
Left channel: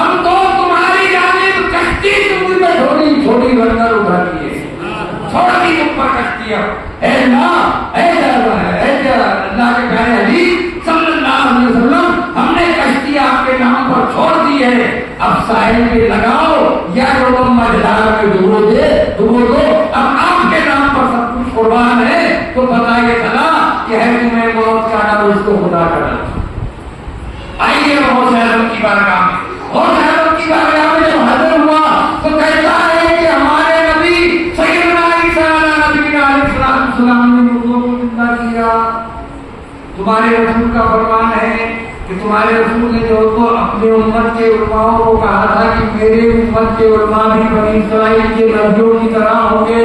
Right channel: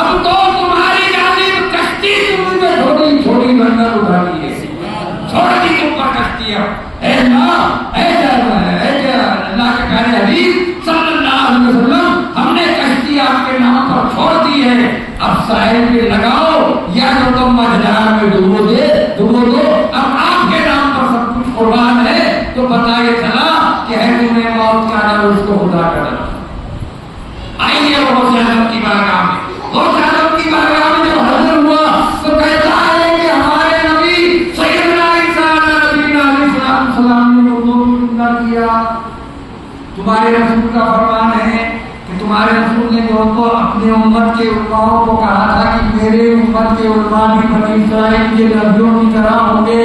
اب تو تمہاری جانب، کشتی تمہیں پہ چھوڑی چھوڑی لنگر اٹھا دی ہے، چھوڑ دی تم پر کشتی۔ اب اے اللہ، اے اللہ کے پیارے حبیب صلی اللہ علیہ وسلم، ہم نے کشتی آپ کے نام پر چھوڑ دی ہے، اب ساحل پہ لگاؤ یا جو تم مجدار میں ڈبو دو، اب آپ کے نام پر سب کچھ قربان ہے، تو بتائیے چلا کہ ہے تمہیں موت کا ڈر اس کو خدا کا ڈر۔ آئیے غوث اعظم کی بارگاہ میں، غوث اعظم کی بارگاہ میں جو حاضر ہوا تو کہتا ہے کہ ہمارے نبی سیدنا عیسیٰ نبی علیہ السلام نے مردوں کو زندہ کیا۔ تمہارے رسول کا فرمان ہے کہ تمہارے رسول نے جو تو اپنے امت کے علماء کو کہا تھا کہ میرے امت کے علماء بھی بنی اسرائیل کے نبیوں کی طرح ہوں گے،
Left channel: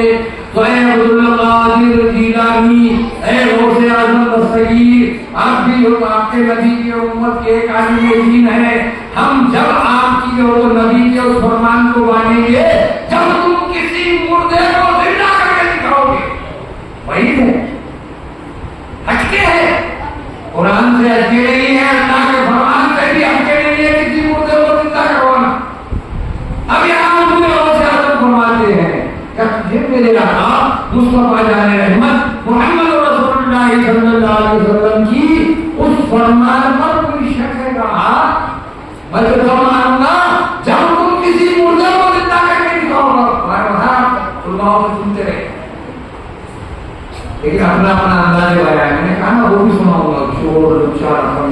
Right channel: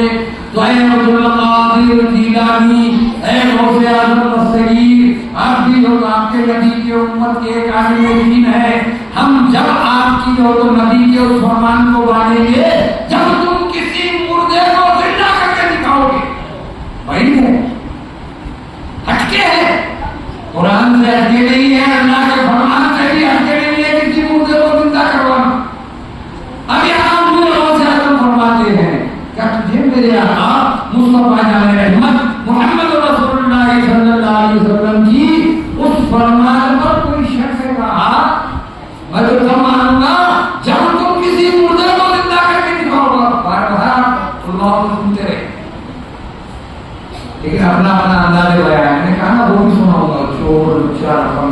تو اے عبد القادر جیلانی، اے غوث اعظم الصغیر، آپ بھی ہو، آپ کے نبی کی امت کے ایک عالم دین ہے، ہم جب آپ کی اور نبی کے اس فرمان کو مانیں گے جب تم کسی مردے کو زندہ کر کے دکھاؤ گے، وہی ہے، ہٹکے ہے، قرآن سے ہٹکے نہیں ہے، اللہ کے فرمان سے بھی ہٹکے نہیں ہے، کسی مردے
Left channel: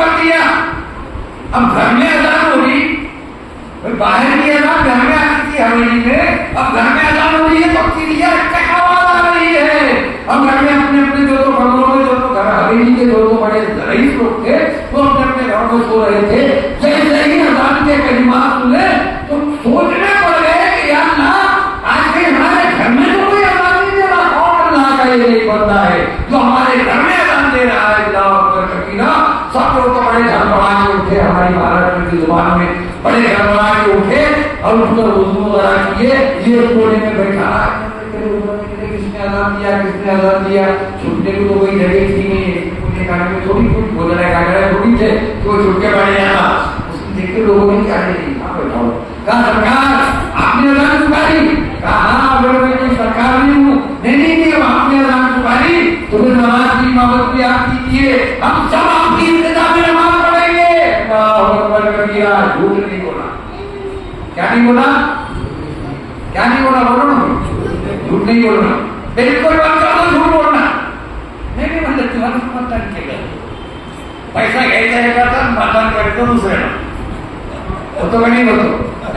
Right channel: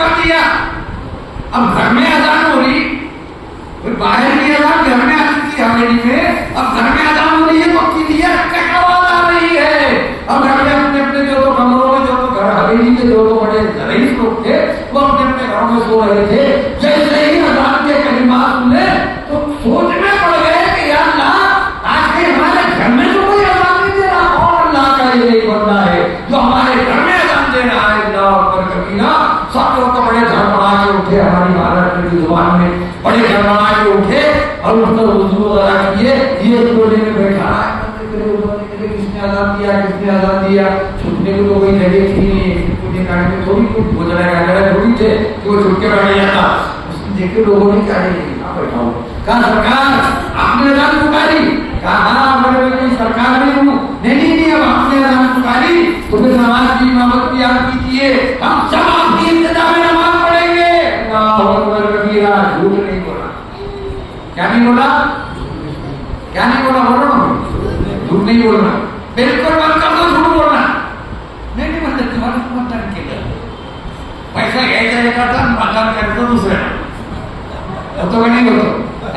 کر دیا. اب گھر میں اذان ہو رہی, باہر کی اذان گھر میں آتی تھی حویلی میں, اب گھر میں اذان ہو رہی ہے, پکی کی آواز آ رہی ہے. اب گھر میں اپنے اپنے جو تو کمروں میں, جو تو گھر حویلی کے جو تو بڑے رئیس لوگ تھے, وہ اپنے اپنے گھروں میں سو رہے تھے. جیسے ہی اذان کے کلمات سنے تو سوچنے پڑ گئے کہ یا اللہ آج کہیں ہمارے گھر میں تو کوئی اذان نہیں دے رہا, کون اللہ کا یہ بندہ ہے جو ہمارے گھر میں اذان دے رہا ہے. اللہ اکبر کبیرہ. سب لوگ تو بڑے دھڑبڑا کے اٹھے, ہماری بھارت کی زبان میں بڑے دھڑبڑا کے اٹھے اور اٹھ کر وضو وغیرہ کیے. یہ کونے میں بیٹھا, کس نے اذان دیا, کس نے اذان دیا. چھٹنے کو تو کوئی جگہ تھی نہیں, پونے کھانے میں تھوڑی کچھ بوجھنے کا تھوڑی تھے کہ وہ چھٹ کے بیٹھ جاتا. اس نے دیکھ کے لوگوں نے کیا نہیں کہاں بیٹھا ہوں, کہا سرکار آپ نے اذان پکاری, کہا ہاں میں کوئی سرکار نہیں ہوں. نہیں اب آپ نے اذان پکاری تو پھر نماز کی امامت بھی آپ کیجیے, ہم سب آپ کی انتظام میں نماز پڑھیں گے. اللہ اکبر کبیرہ. جھوٹ نہیں بولا. کیا نہیں بولا, کیا نہیں بولا, بولو نا, جھوٹ نہیں بولنا. بالکل بند کر دو جھوٹ بولنا. نہیں مطلب تمہارا متن کے گئے پیسہ گئے جائے گا تو متن کر دو دوسرے تو نہیں بولو.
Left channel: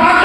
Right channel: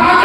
5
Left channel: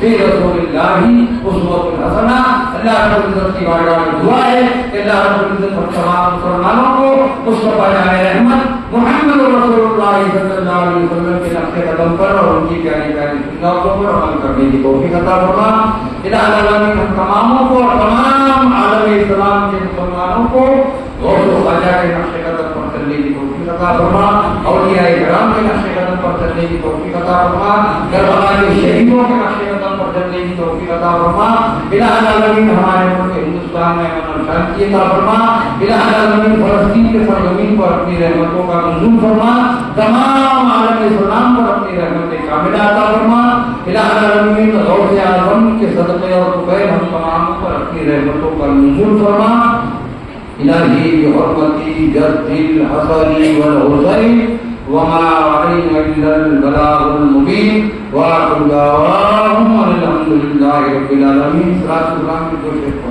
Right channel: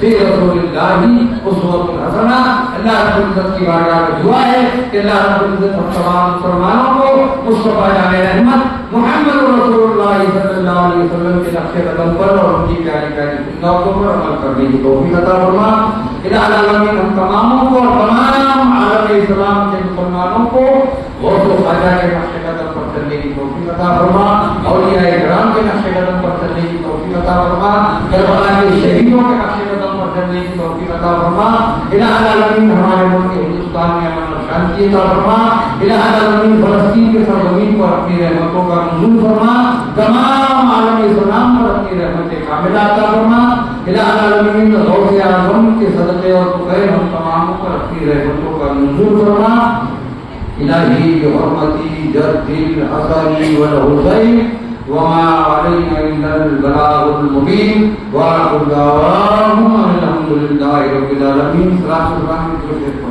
فی رسول اللہ اسوۃ حسنہ. اللہ رب العزت کی بارگاہ میں دعا ہے کہ اللہ رب العزت ہم تمام مسلمانوں کو مصطفیٰ جان رحمت محمد رسول اللہ صلی اللہ علیہ وسلم کے نقش قدم پر اور ان کی پیاری پیاری سنتوں پر عمل کرنے کی توفیق عطا فرما. الہ العالمین ہم تماموں کو اور تمام عالم اسلام کے مسلمانوں کو غوث و خواجہ کے نقش قدم پر چلنے کی توفیق عطا فرما. اولیاء کرام کے نقش قدم پر چلنے کی توفیق عطا فرما. کربلا کے شہیدوں کے نقش قدم پر چلنے کی توفیق عطا فرما. الہ العالمین ہمارے ملک ہندوستان میں امن و شانتی عطا فرما. الہ العالمین فلسطین کے سرزمین پر اپنی رحمتوں کا نزول فرما. تمام عالم اسلام پر اپنی رحمت کاملہ عطا فرما. الہ العالمین غوث اعظم کے صدقے اور طفیل ہم تمام پر اپنی رحمتوں کا نزول فرما. الہی بحرمتی جد الحسن والحسین وما علینا الا البلاغ المبین وآخر دعواہم الحمد للہ رب العالمین. صلاۃ اللہ کی توفیق.